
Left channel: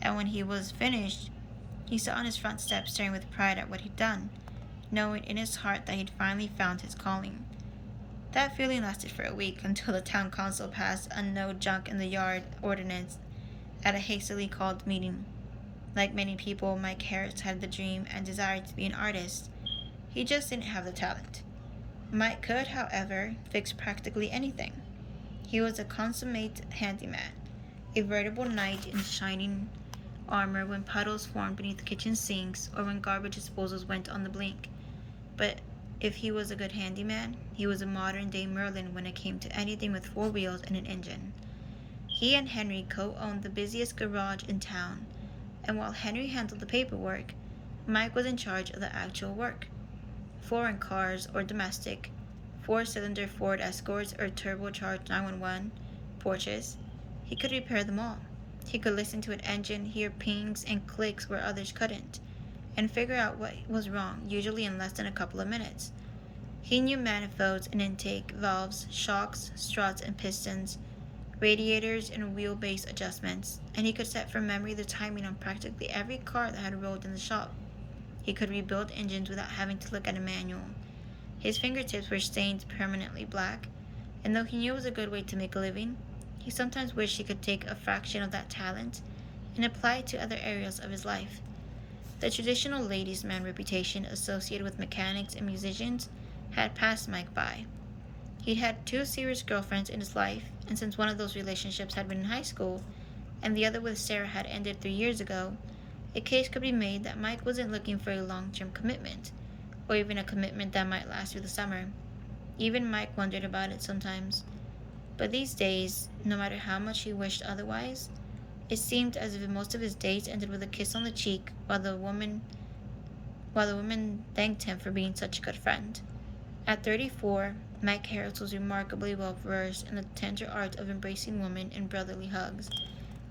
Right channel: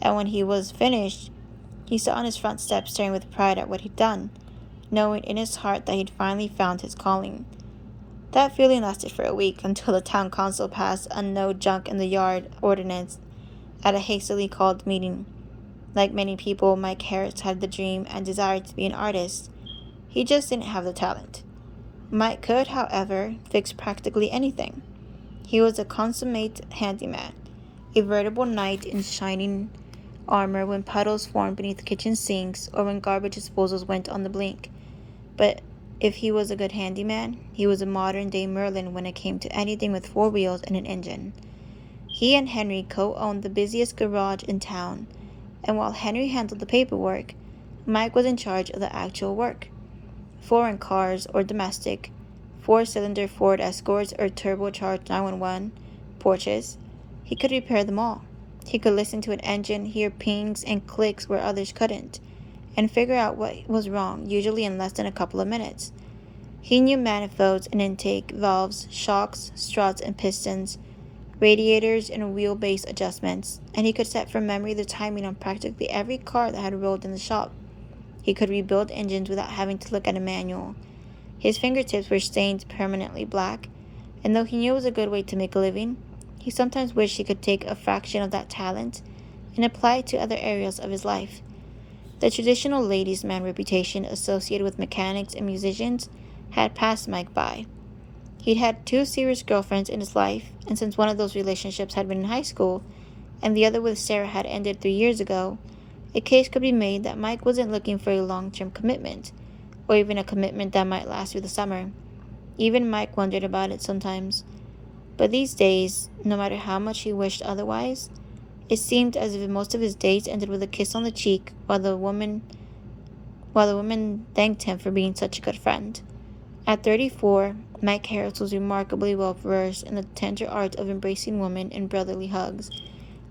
and when he was finished, he sat on his front step staring with pride at what he'd done, knowing in his heart that he'd finally found his calling. That feeling lasted for a week until the town council passed a no junk in the yard ordinance at a hastily called meeting. Like many people, Mike Harris had the dream and desire to be an artist. He just didn't have the talent. Mike could, however, fix practically anything. He was a consummate handyman, a veritable knight in shining armor when puddles formed beneath kitchen sinks or when garbage disposals went on the blink. But if he was a good handyman, he was a modern-day Merlin when it came to anything with 4 wheels and an engine. He and Henry co-owned the busiest garage in town, and while Henry handled the paperwork, Mike was in charge of the actual work. Foreign cars or domestic, 4-cylinder Ford Escorts or turbocharged 911 Porsches, he could repair them all. He could listen to an engine, hear pings and clicks where others couldn't, and figure out what was wrong, usually in less than a couple of minutes. He knew manifolds and intake valves, shocks, struts and pistons, radiators and wheelbase adjustments, and he could set from memory the timing on practically every car that had rolled in the shop. He could rebuild engines without having to look at a manual. His fingertips were stained permanently black, and though he knew it was a good way to make a living, he sometimes wished he could take a fraction of that talent and apply it to other areas of his life. The traditional ladies' man reputation associated with mechanics and musicians had passed Mike by. He'd had 2 serious girlfriends in his life, and since one of those relationships had been in high school, and the other with Sarah had ended 3 years ago, a case could be made that Mike wasn't looking for a long-term commitment, or even a commitment that might last through the summer. Even Mike wondered about it sometimes. But these days, no matter how much he wished otherwise, it seemed as if most of his dates ended with a kiss on the cheek while the woman thanked him for being such a good friend. At 34, Mike Harris was remarkably well versed in the tender art of embracing women in brotherly hugs,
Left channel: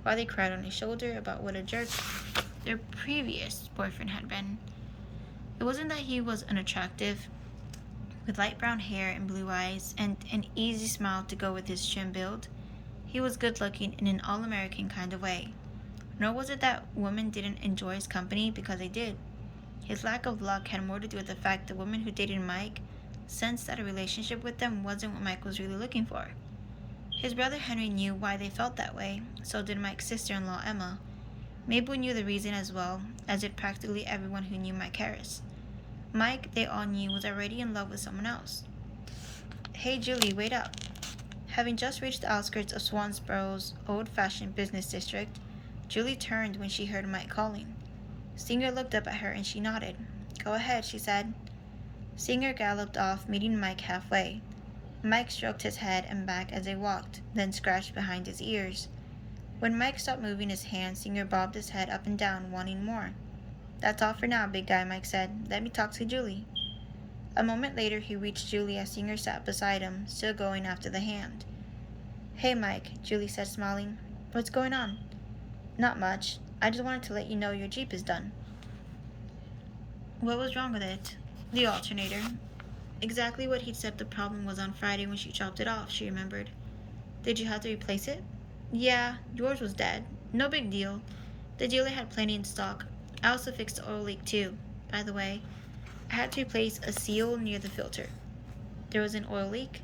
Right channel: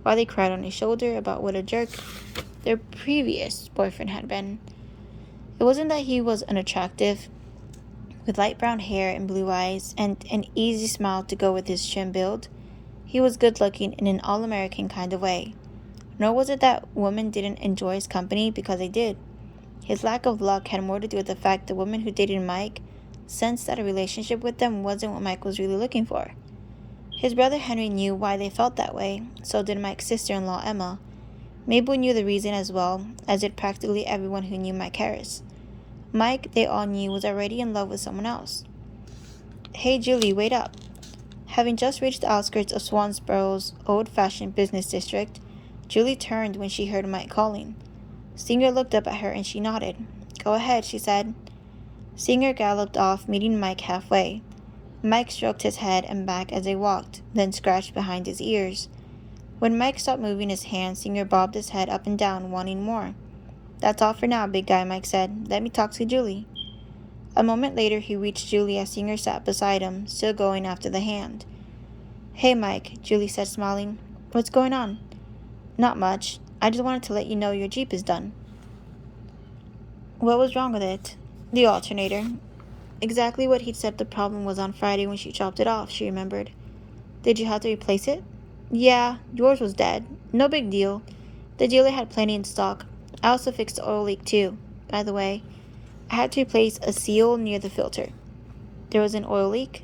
while they cried on his shoulder about what a jerk their previous boyfriend had been. It wasn't that he was unattractive, with light brown hair and blue eyes, and an easy smile to go with his trim build. He was good-looking in an all-American kind of way. Nor was it that women didn't enjoy his company, because they did. His lack of luck had more to do with the fact the women who dated Mike sensed that a relationship with them wasn't what Mike was really looking for. His brother Henry knew why they felt that way, so did Mike's sister-in-law Emma. Mabel knew the reason as well, as did practically everyone who knew Mike Harris. Mike, they all knew, was already in love with someone else. "Hey Julie, wait up." Having just reached the outskirts of Swansborough's old-fashioned business district, Julie turned when she heard Mike calling. Singer looked up at her and she nodded. "Go ahead," she said. Singer galloped off, meeting Mike halfway. Mike stroked his head and back as they walked, then scratched behind his ears. When Mike stopped moving his hands, Singer bobbed his head up and down, wanting more. "That's all for now, big guy," Mike said. "Let me talk to Julie." A moment later, he reached Julie as Singer sat beside him, still going after the hand. "Hey, Mike," Julie said, smiling. "What's going on?" "Not much. I just wanted to let you know your Jeep is done." What was wrong with it? The alternator. Exactly what he'd said the problem was on Friday when she dropped it off, she remembered. "Did you have to replace it?" "Yeah, yours was dead. No big deal. The dealer had plenty in stock. I also fixed the oil leak too. By the way, I had to replace a seal near the filter." "There was an oil leak?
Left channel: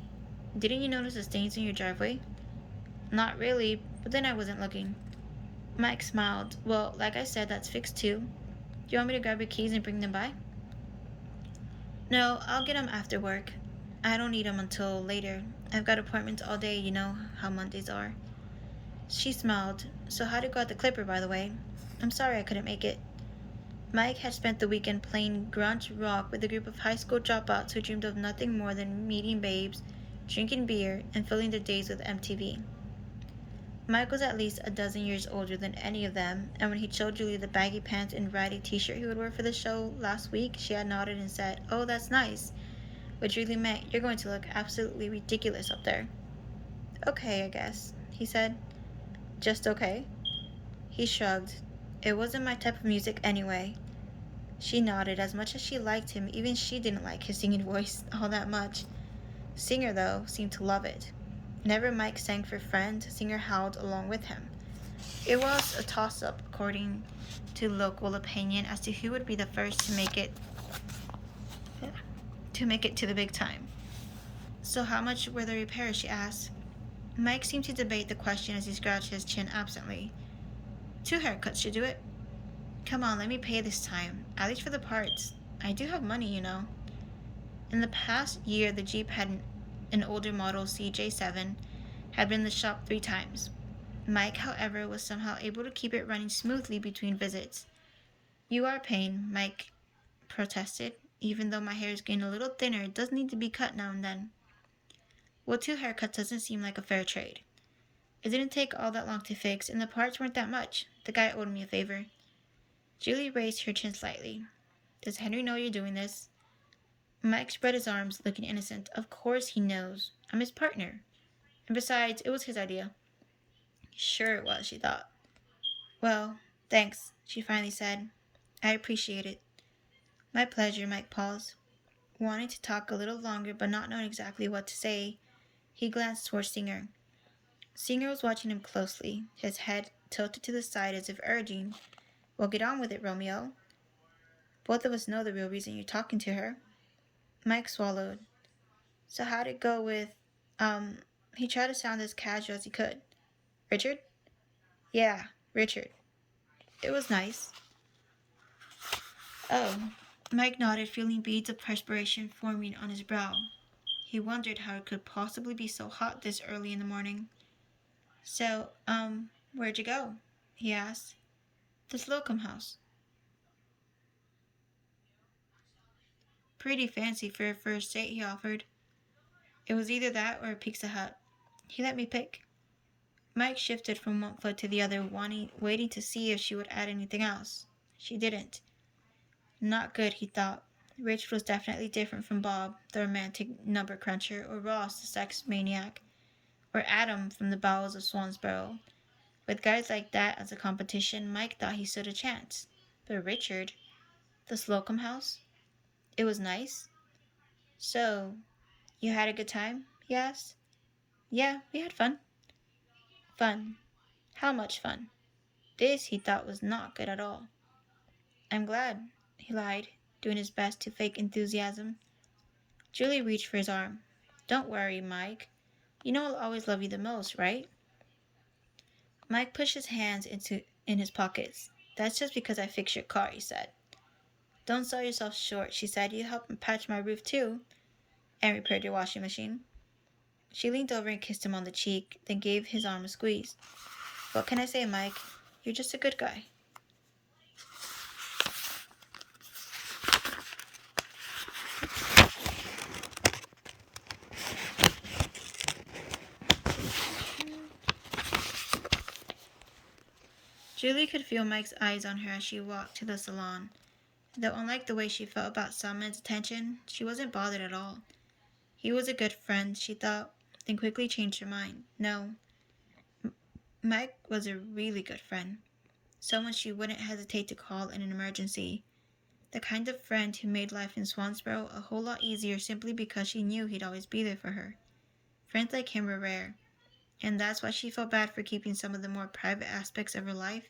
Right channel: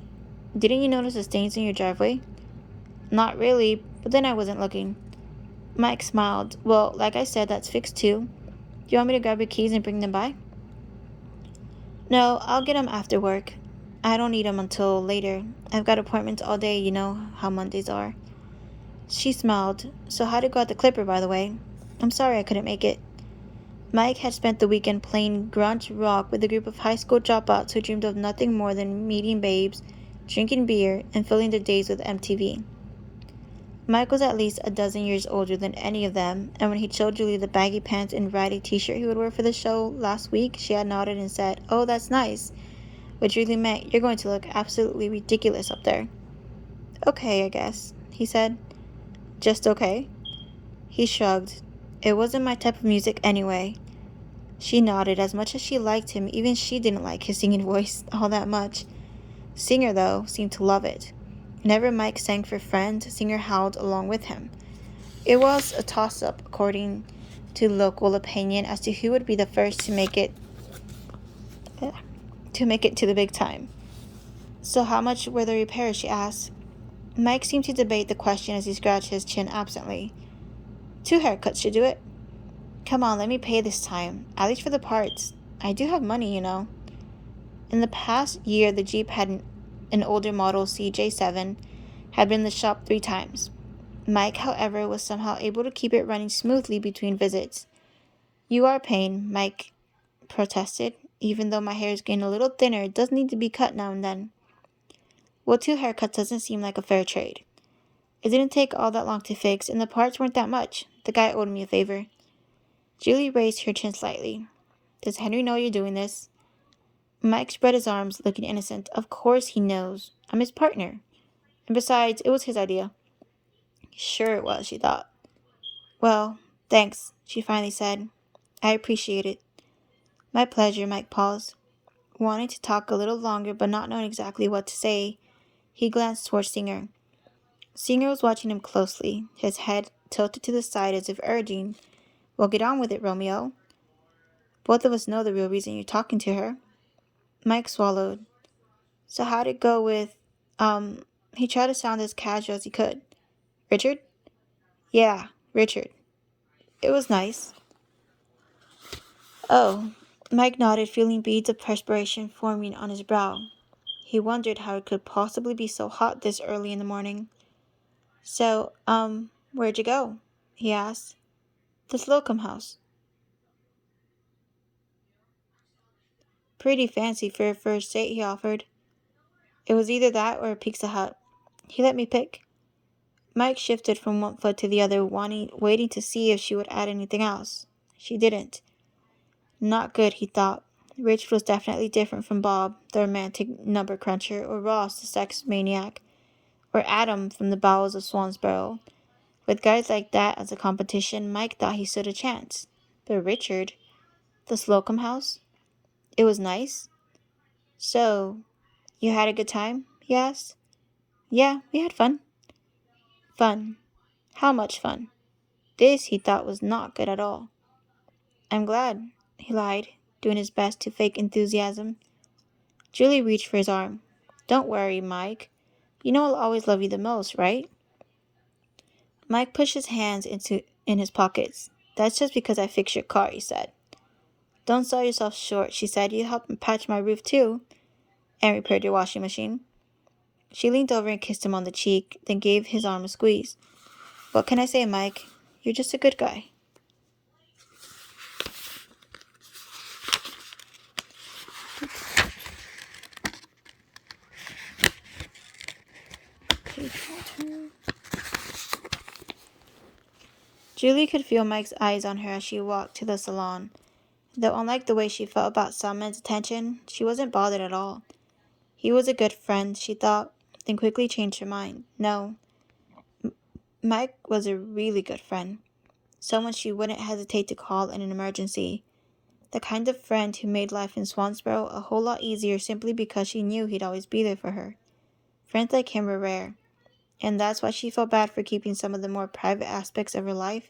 Didn't you notice the stains in your driveway?" "Not really, but then I wasn't looking." Mike smiled. "Well, like I said, that's fixed too. Do you want me to grab your keys and bring them by?" "No, I'll get them after work. I don't need them until later. I've got appointments all day, you know how Mondays are." She smiled. "So how'd it go at the Clipper, by the way? I'm sorry I couldn't make it." Mike had spent the weekend playing grunge rock with a group of high school dropouts who dreamed of nothing more than meeting babes, drinking beer, and filling their days with MTV. Mike was at least a dozen years older than any of them, and when he showed Julie the baggy pants and ratty t-shirt he would wear for the show last week, she had nodded and said, "Oh, that's nice," which really meant, "You're going to look absolutely ridiculous up there." Okay, I guess, he said. Just okay? He shrugged. It wasn't my type of music anyway. She nodded. As much as she liked him, even she didn't like his singing voice all that much. Singer, though, seemed to love it. Whenever Mike sang for friends, Singer howled along with him. It was a toss-up, according to local opinion, as to who would be the first to make it to the big time. So how much were the repairs? She asked. Mike seemed to debate the question as he scratched his chin absently. 2 haircuts should do it. Come on, let me pay this time, at least for the parts. I do have money. In the past year, the Jeep had an older model CJ7 had been in the shop 3 times. Mike, however, was somehow able to keep it running smoothly between visits. You are paying, Mike protested. Even though my hair is getting a little thinner, it does need to be cut now and then. Well, 2 haircuts doesn't seem like a fair trade. It didn't take all that long to fix, and the parts weren't that much. The guy owed me a favor. Julie raised her chin slightly. Does Henry know you're doing this? Mike spread his arms, looking innocent. Of course he knows. I'm his partner. And besides, it was his idea. Sure it was, she thought. Well, thanks, she finally said. I appreciate it. My pleasure, Mike paused. Wanting to talk a little longer but not knowing exactly what to say, he glanced towards Singer. Singer was watching him closely, his head tilted to the side as if urging, Well, get on with it, Romeo. Both of us know the real reason you're talking to her. Mike swallowed. So how'd it go with, he tried to sound as casual as he could. Richard? Yeah, Richard. It was nice. Oh. Mike nodded, feeling beads of perspiration forming on his brow. He wondered how it could possibly be so hot this early in the morning. So, where'd you go? He asked. The Slocum house. Pretty fancy for a first date, he offered. It was either that or a Pizza Hut. He let me pick. Mike shifted from one foot to the other, waiting to see if she would add anything else. She didn't. Not good, he thought. Rich was definitely different from Bob, the romantic number cruncher, or Ross, the sex maniac, or Adam from the bowels of Swansboro. With guys like that as a competition, Mike thought he stood a chance. But Richard, the Slocum house? It was nice. So, you had a good time? He asked. Yeah, we had fun. Fun. How much fun? This, he thought, was not good at all. I'm glad, he lied, doing his best to fake enthusiasm. Julie reached for his arm. Don't worry, Mike. You know I'll always love you the most, right? Mike pushed his hands in his pockets. That's just because I fixed your car, he said. Don't sell yourself short, she said. You helped patch my roof too, and repaired your washing machine. She leaned over and kissed him on the cheek, then gave his arm a squeeze. What can I say, Mike? You're just a good guy. Julie could feel Mike's eyes on her as she walked to the salon. Though unlike the way she felt about some men's attention, she wasn't bothered at all. He was a good friend, she thought, then quickly changed her mind. No, Mike was a really good friend. Someone she wouldn't hesitate to call in an emergency. The kind of friend who made life in Swansboro a whole lot easier simply because she knew he'd always be there for her. Friends like him were rare, and that's why she felt bad for keeping some of the more private aspects of her life,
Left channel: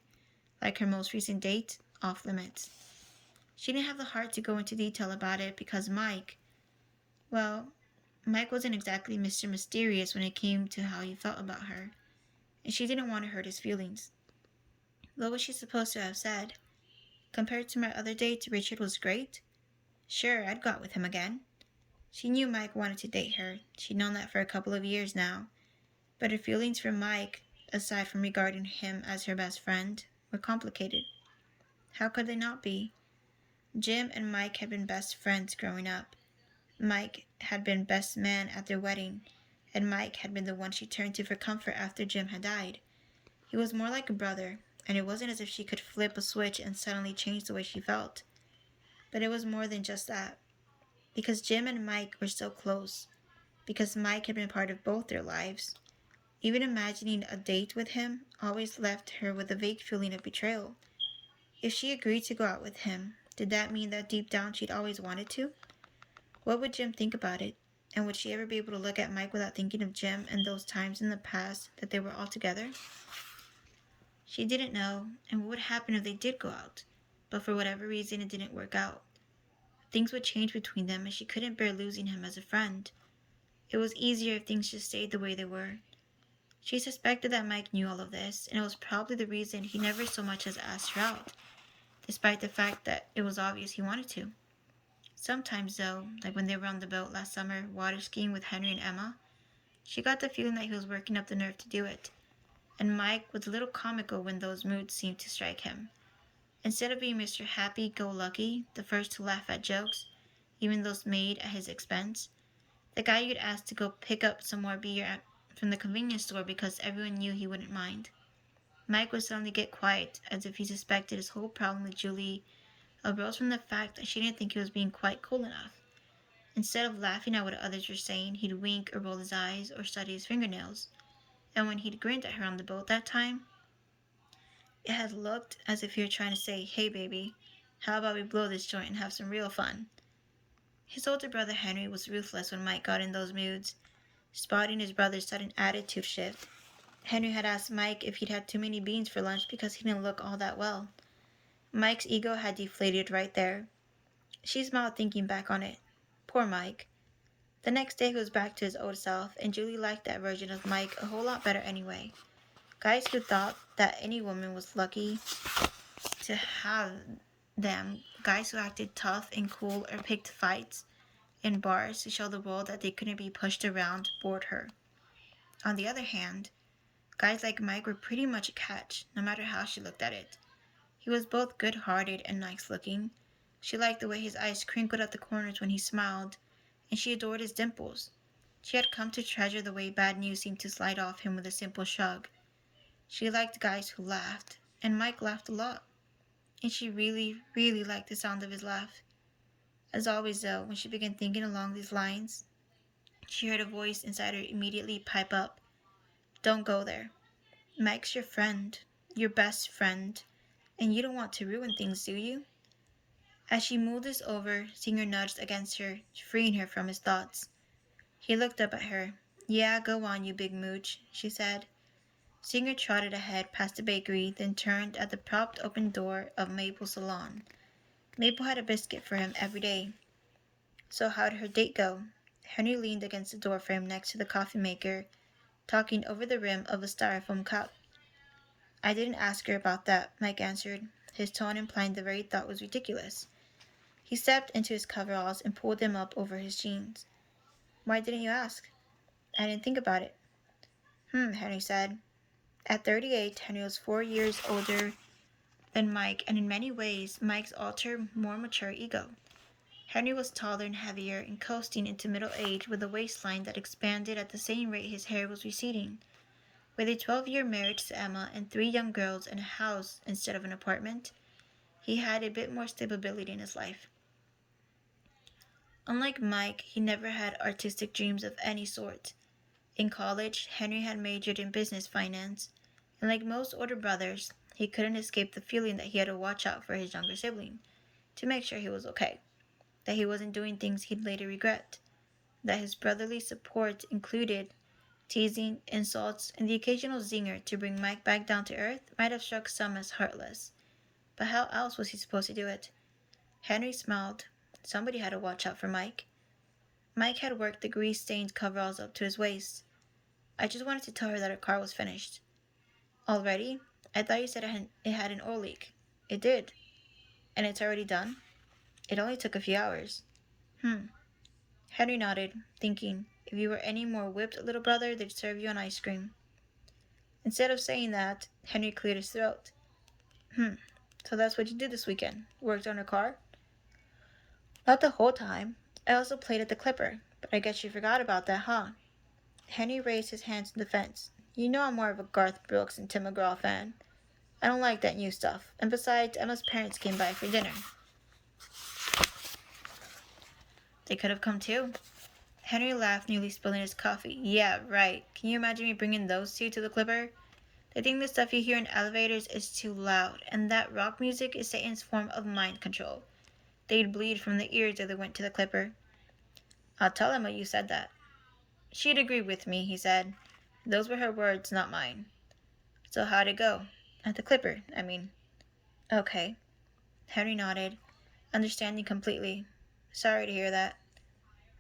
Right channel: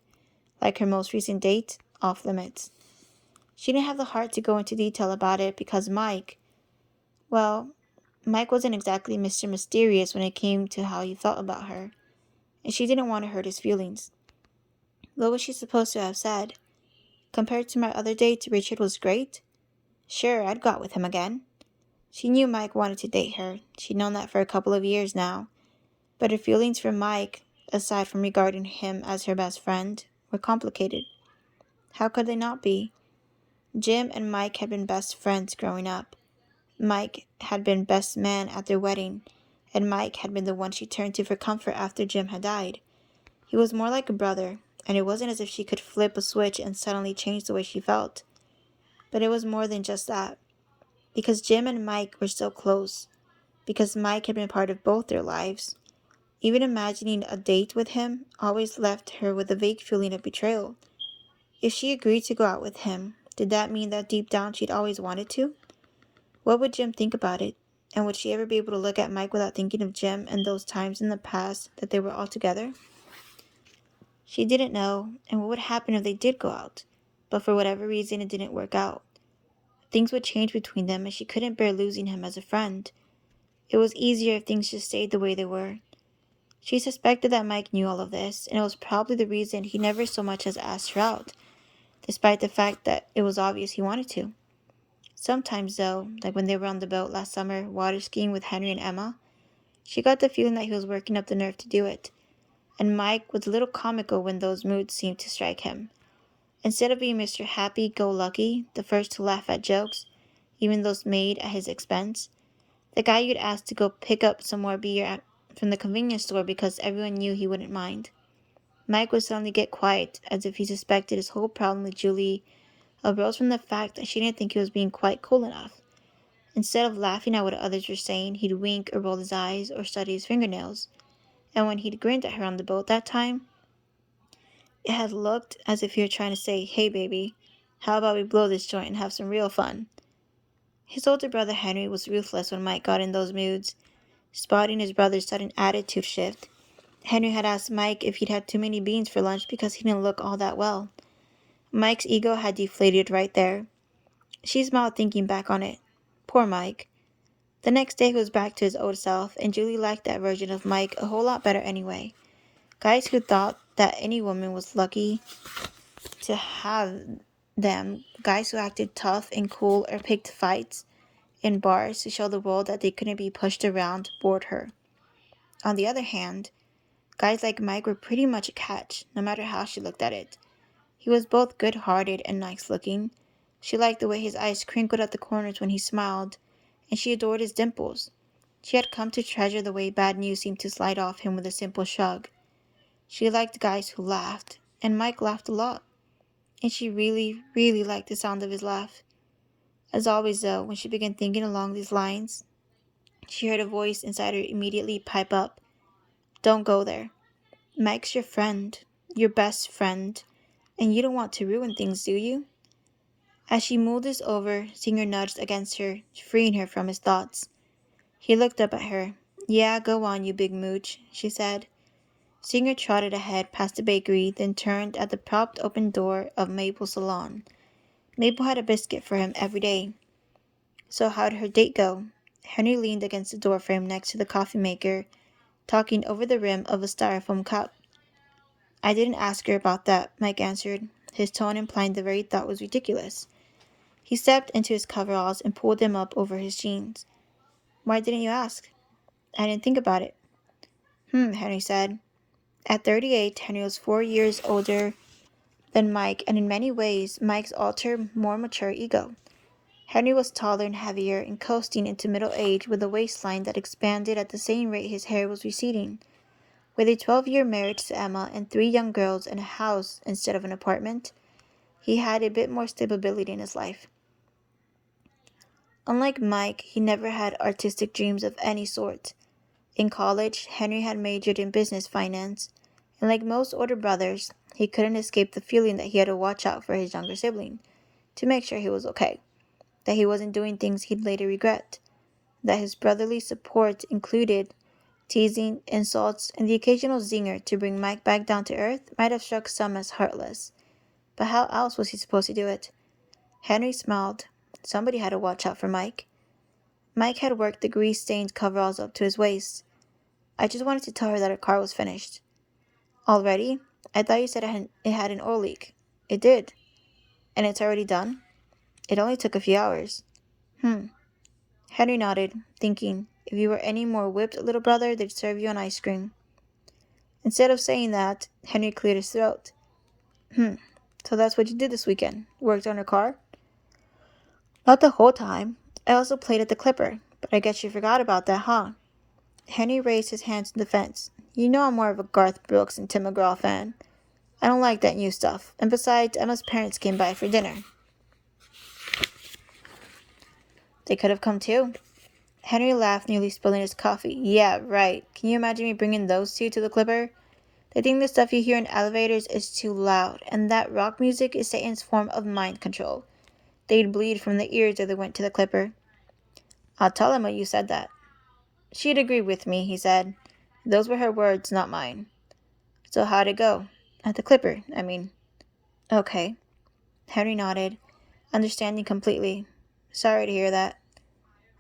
like her most recent date, off limits. She didn't have the heart to go into detail about it because Mike wasn't exactly Mr. Mysterious when it came to how he felt about her, and she didn't want to hurt his feelings. What was she supposed to have said? Compared to my other dates, Richard was great? Sure, I'd go out with him again. She knew Mike wanted to date her. She'd known that for a couple of years now. But her feelings for Mike, aside from regarding him as her best friend, were complicated. How could they not be? Jim and Mike had been best friends growing up. Mike had been best man at their wedding, and Mike had been the one she turned to for comfort after Jim had died. He was more like a brother, and it wasn't as if she could flip a switch and suddenly change the way she felt. But it was more than just that. Because Jim and Mike were so close. Because Mike had been part of both their lives. Even imagining a date with him always left her with a vague feeling of betrayal. If she agreed to go out with him, did that mean that deep down she'd always wanted to? What would Jim think about it? And would she ever be able to look at Mike without thinking of Jim and those times in the past that they were all together? She didn't know, and what would happen if they did go out? But for whatever reason, it didn't work out. Things would change between them, and she couldn't bear losing him as a friend. It was easier if things just stayed the way they were. She suspected that Mike knew all of this, and it was probably the reason he never so much as asked her out, despite the fact that it was obvious he wanted to. Sometimes, though, like when they were on the boat last summer, water skiing with Henry and Emma, she got the feeling that he was working up the nerve to do it, and Mike was a little comical when those moods seemed to strike him. Instead of being Mr. Happy-Go-Lucky, the first to laugh at jokes, even those made at his expense, the guy you'd ask to go pick up some more beer from the convenience store because everyone knew he wouldn't mind. Mike would suddenly get quiet, as if he suspected his whole problem with Julie arose from the fact that she didn't think he was being quite cool enough. Instead of laughing at what others were saying, he'd wink or roll his eyes or study his fingernails. And when he'd grinned at her on the boat that time, it had looked as if he were trying to say, "Hey baby, how about we blow this joint and have some real fun?" His older brother Henry was ruthless when Mike got in those moods. Spotting his brother's sudden attitude shift, Henry had asked Mike if he'd had too many beans for lunch because he didn't look all that well. Mike's ego had deflated right there. She smiled thinking back on it. Poor Mike. The next day he was back to his old self, and Julie liked that version of Mike a whole lot better anyway. Guys who thought that any woman was lucky to have them, guys who acted tough and cool or picked fights in bars to show the world that they couldn't be pushed around, bored her. On the other hand, guys like Mike were pretty much a catch, no matter how she looked at it. He was both good-hearted and nice-looking. She liked the way his eyes crinkled at the corners when he smiled, and she adored his dimples. She had come to treasure the way bad news seemed to slide off him with a simple shrug. She liked guys who laughed, and Mike laughed a lot, and she really, really liked the sound of his laugh. As always, though, when she began thinking along these lines, she heard a voice inside her immediately pipe up. Don't go there. Mike's your friend, your best friend, and you don't want to ruin things, do you? As she mulled this over, Singer nudged against her, freeing her from his thoughts. He looked up at her. Yeah, go on, you big mooch, she said. Singer trotted ahead past the bakery, then turned at the propped open door of Maple's salon. Maple had a biscuit for him every day. So how'd her date go? Henry leaned against the doorframe next to the coffee maker, talking over the rim of a styrofoam cup. I didn't ask her about that, Mike answered, his tone implying the very thought was ridiculous. He stepped into his coveralls and pulled them up over his jeans. Why didn't you ask? I didn't think about it. Henry said. At 38, Henry was 4 years older than Mike, and in many ways, Mike's alter, more mature ego. Henry was taller and heavier and coasting into middle age with a waistline that expanded at the same rate his hair was receding. With a 12-year marriage to Emma and 3 young girls and a house instead of an apartment, he had a bit more stability in his life. Unlike Mike, he never had artistic dreams of any sort. In college, Henry had majored in business finance, and like most older brothers, he couldn't escape the feeling that he had to watch out for his younger sibling, to make sure he was okay, that he wasn't doing things he'd later regret, that his brotherly support included teasing, insults, and the occasional zinger to bring Mike back down to earth might have struck some as heartless. But how else was he supposed to do it? Henry smiled. Somebody had to watch out for Mike. Mike had worked the grease-stained coveralls up to his waist. I just wanted to tell her that her car was finished. Already? I thought you said it had an oil leak. It did. And it's already done? It only took a few hours. Henry nodded, thinking, if you were any more whipped, little brother, they'd serve you an ice cream. Instead of saying that, Henry cleared his throat. So that's what you did this weekend? Worked on her car? Not the whole time. I also played at the Clipper, but I guess you forgot about that, huh? Henry raised his hands in defense. You know I'm more of a Garth Brooks and Tim McGraw fan. I don't like that new stuff. And besides, Emma's parents came by for dinner. They could have come too. Henry laughed, nearly spilling his coffee. Yeah, right. Can you imagine me bringing those two to the Clipper? They think the stuff you hear in elevators is too loud, and that rock music is Satan's form of mind control. They'd bleed from the ears if they went to the Clipper. I'll tell him what you said that. She'd agree with me, he said. Those were her words, not mine. So how'd it go? At the Clipper, I mean. Okay. Henry nodded, understanding completely. Sorry to hear that.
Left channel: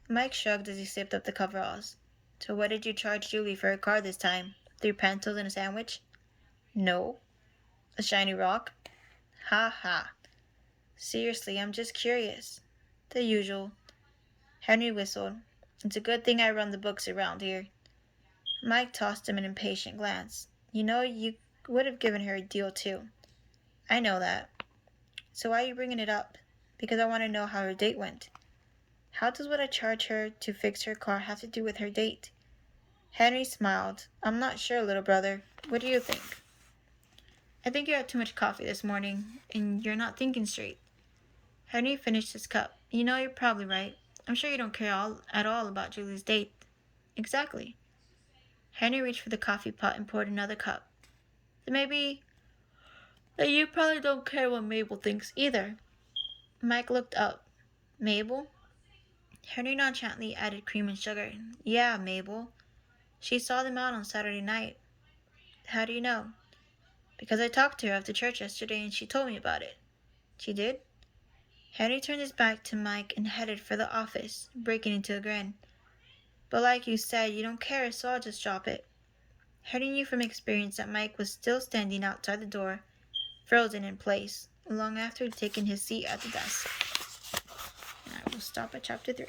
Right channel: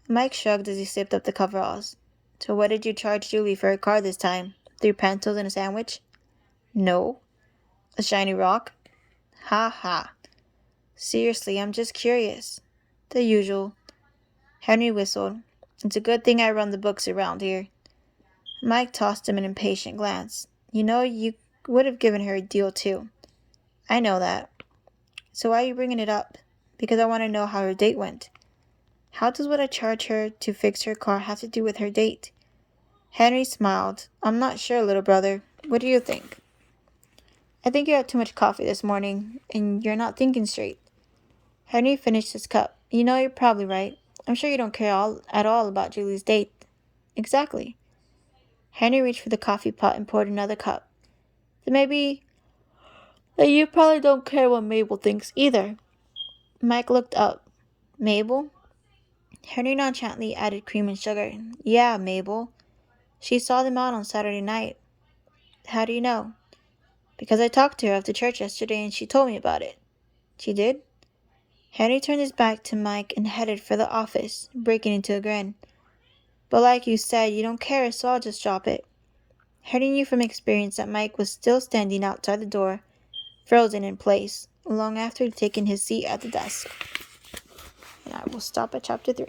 Mike shrugged as he sipped up the coveralls. So what did you charge Julie for her car this time? 3 pencils and a sandwich? No. A shiny rock? Ha ha. Seriously, I'm just curious. The usual. Henry whistled. It's a good thing I run the books around here. Mike tossed him an impatient glance. You know, you would have given her a deal too. I know that. So why are you bringing it up? Because I want to know how her date went. How does what I charge her to fix her car have to do with her date? Henry smiled. I'm not sure, little brother. What do you think? I think you had too much coffee this morning, and you're not thinking straight. Henry finished his cup. You know, you're probably right. I'm sure you don't care at all about Julie's date. Exactly. Henry reached for the coffee pot and poured another cup. Then maybe that you probably don't care what Mabel thinks either. Mike looked up. Mabel? Henry nonchalantly added cream and sugar. Yeah, Mabel. She saw them out on Saturday night. How do you know? Because I talked to her after church yesterday and she told me about it. She did? Henry turned his back to Mike and headed for the office, breaking into a grin. But like you said, you don't care, so I'll just drop it. Henry knew from experience that Mike was still standing outside the door, frozen in place, long after he'd taken his seat at the desk. And I will stop at chapter 3.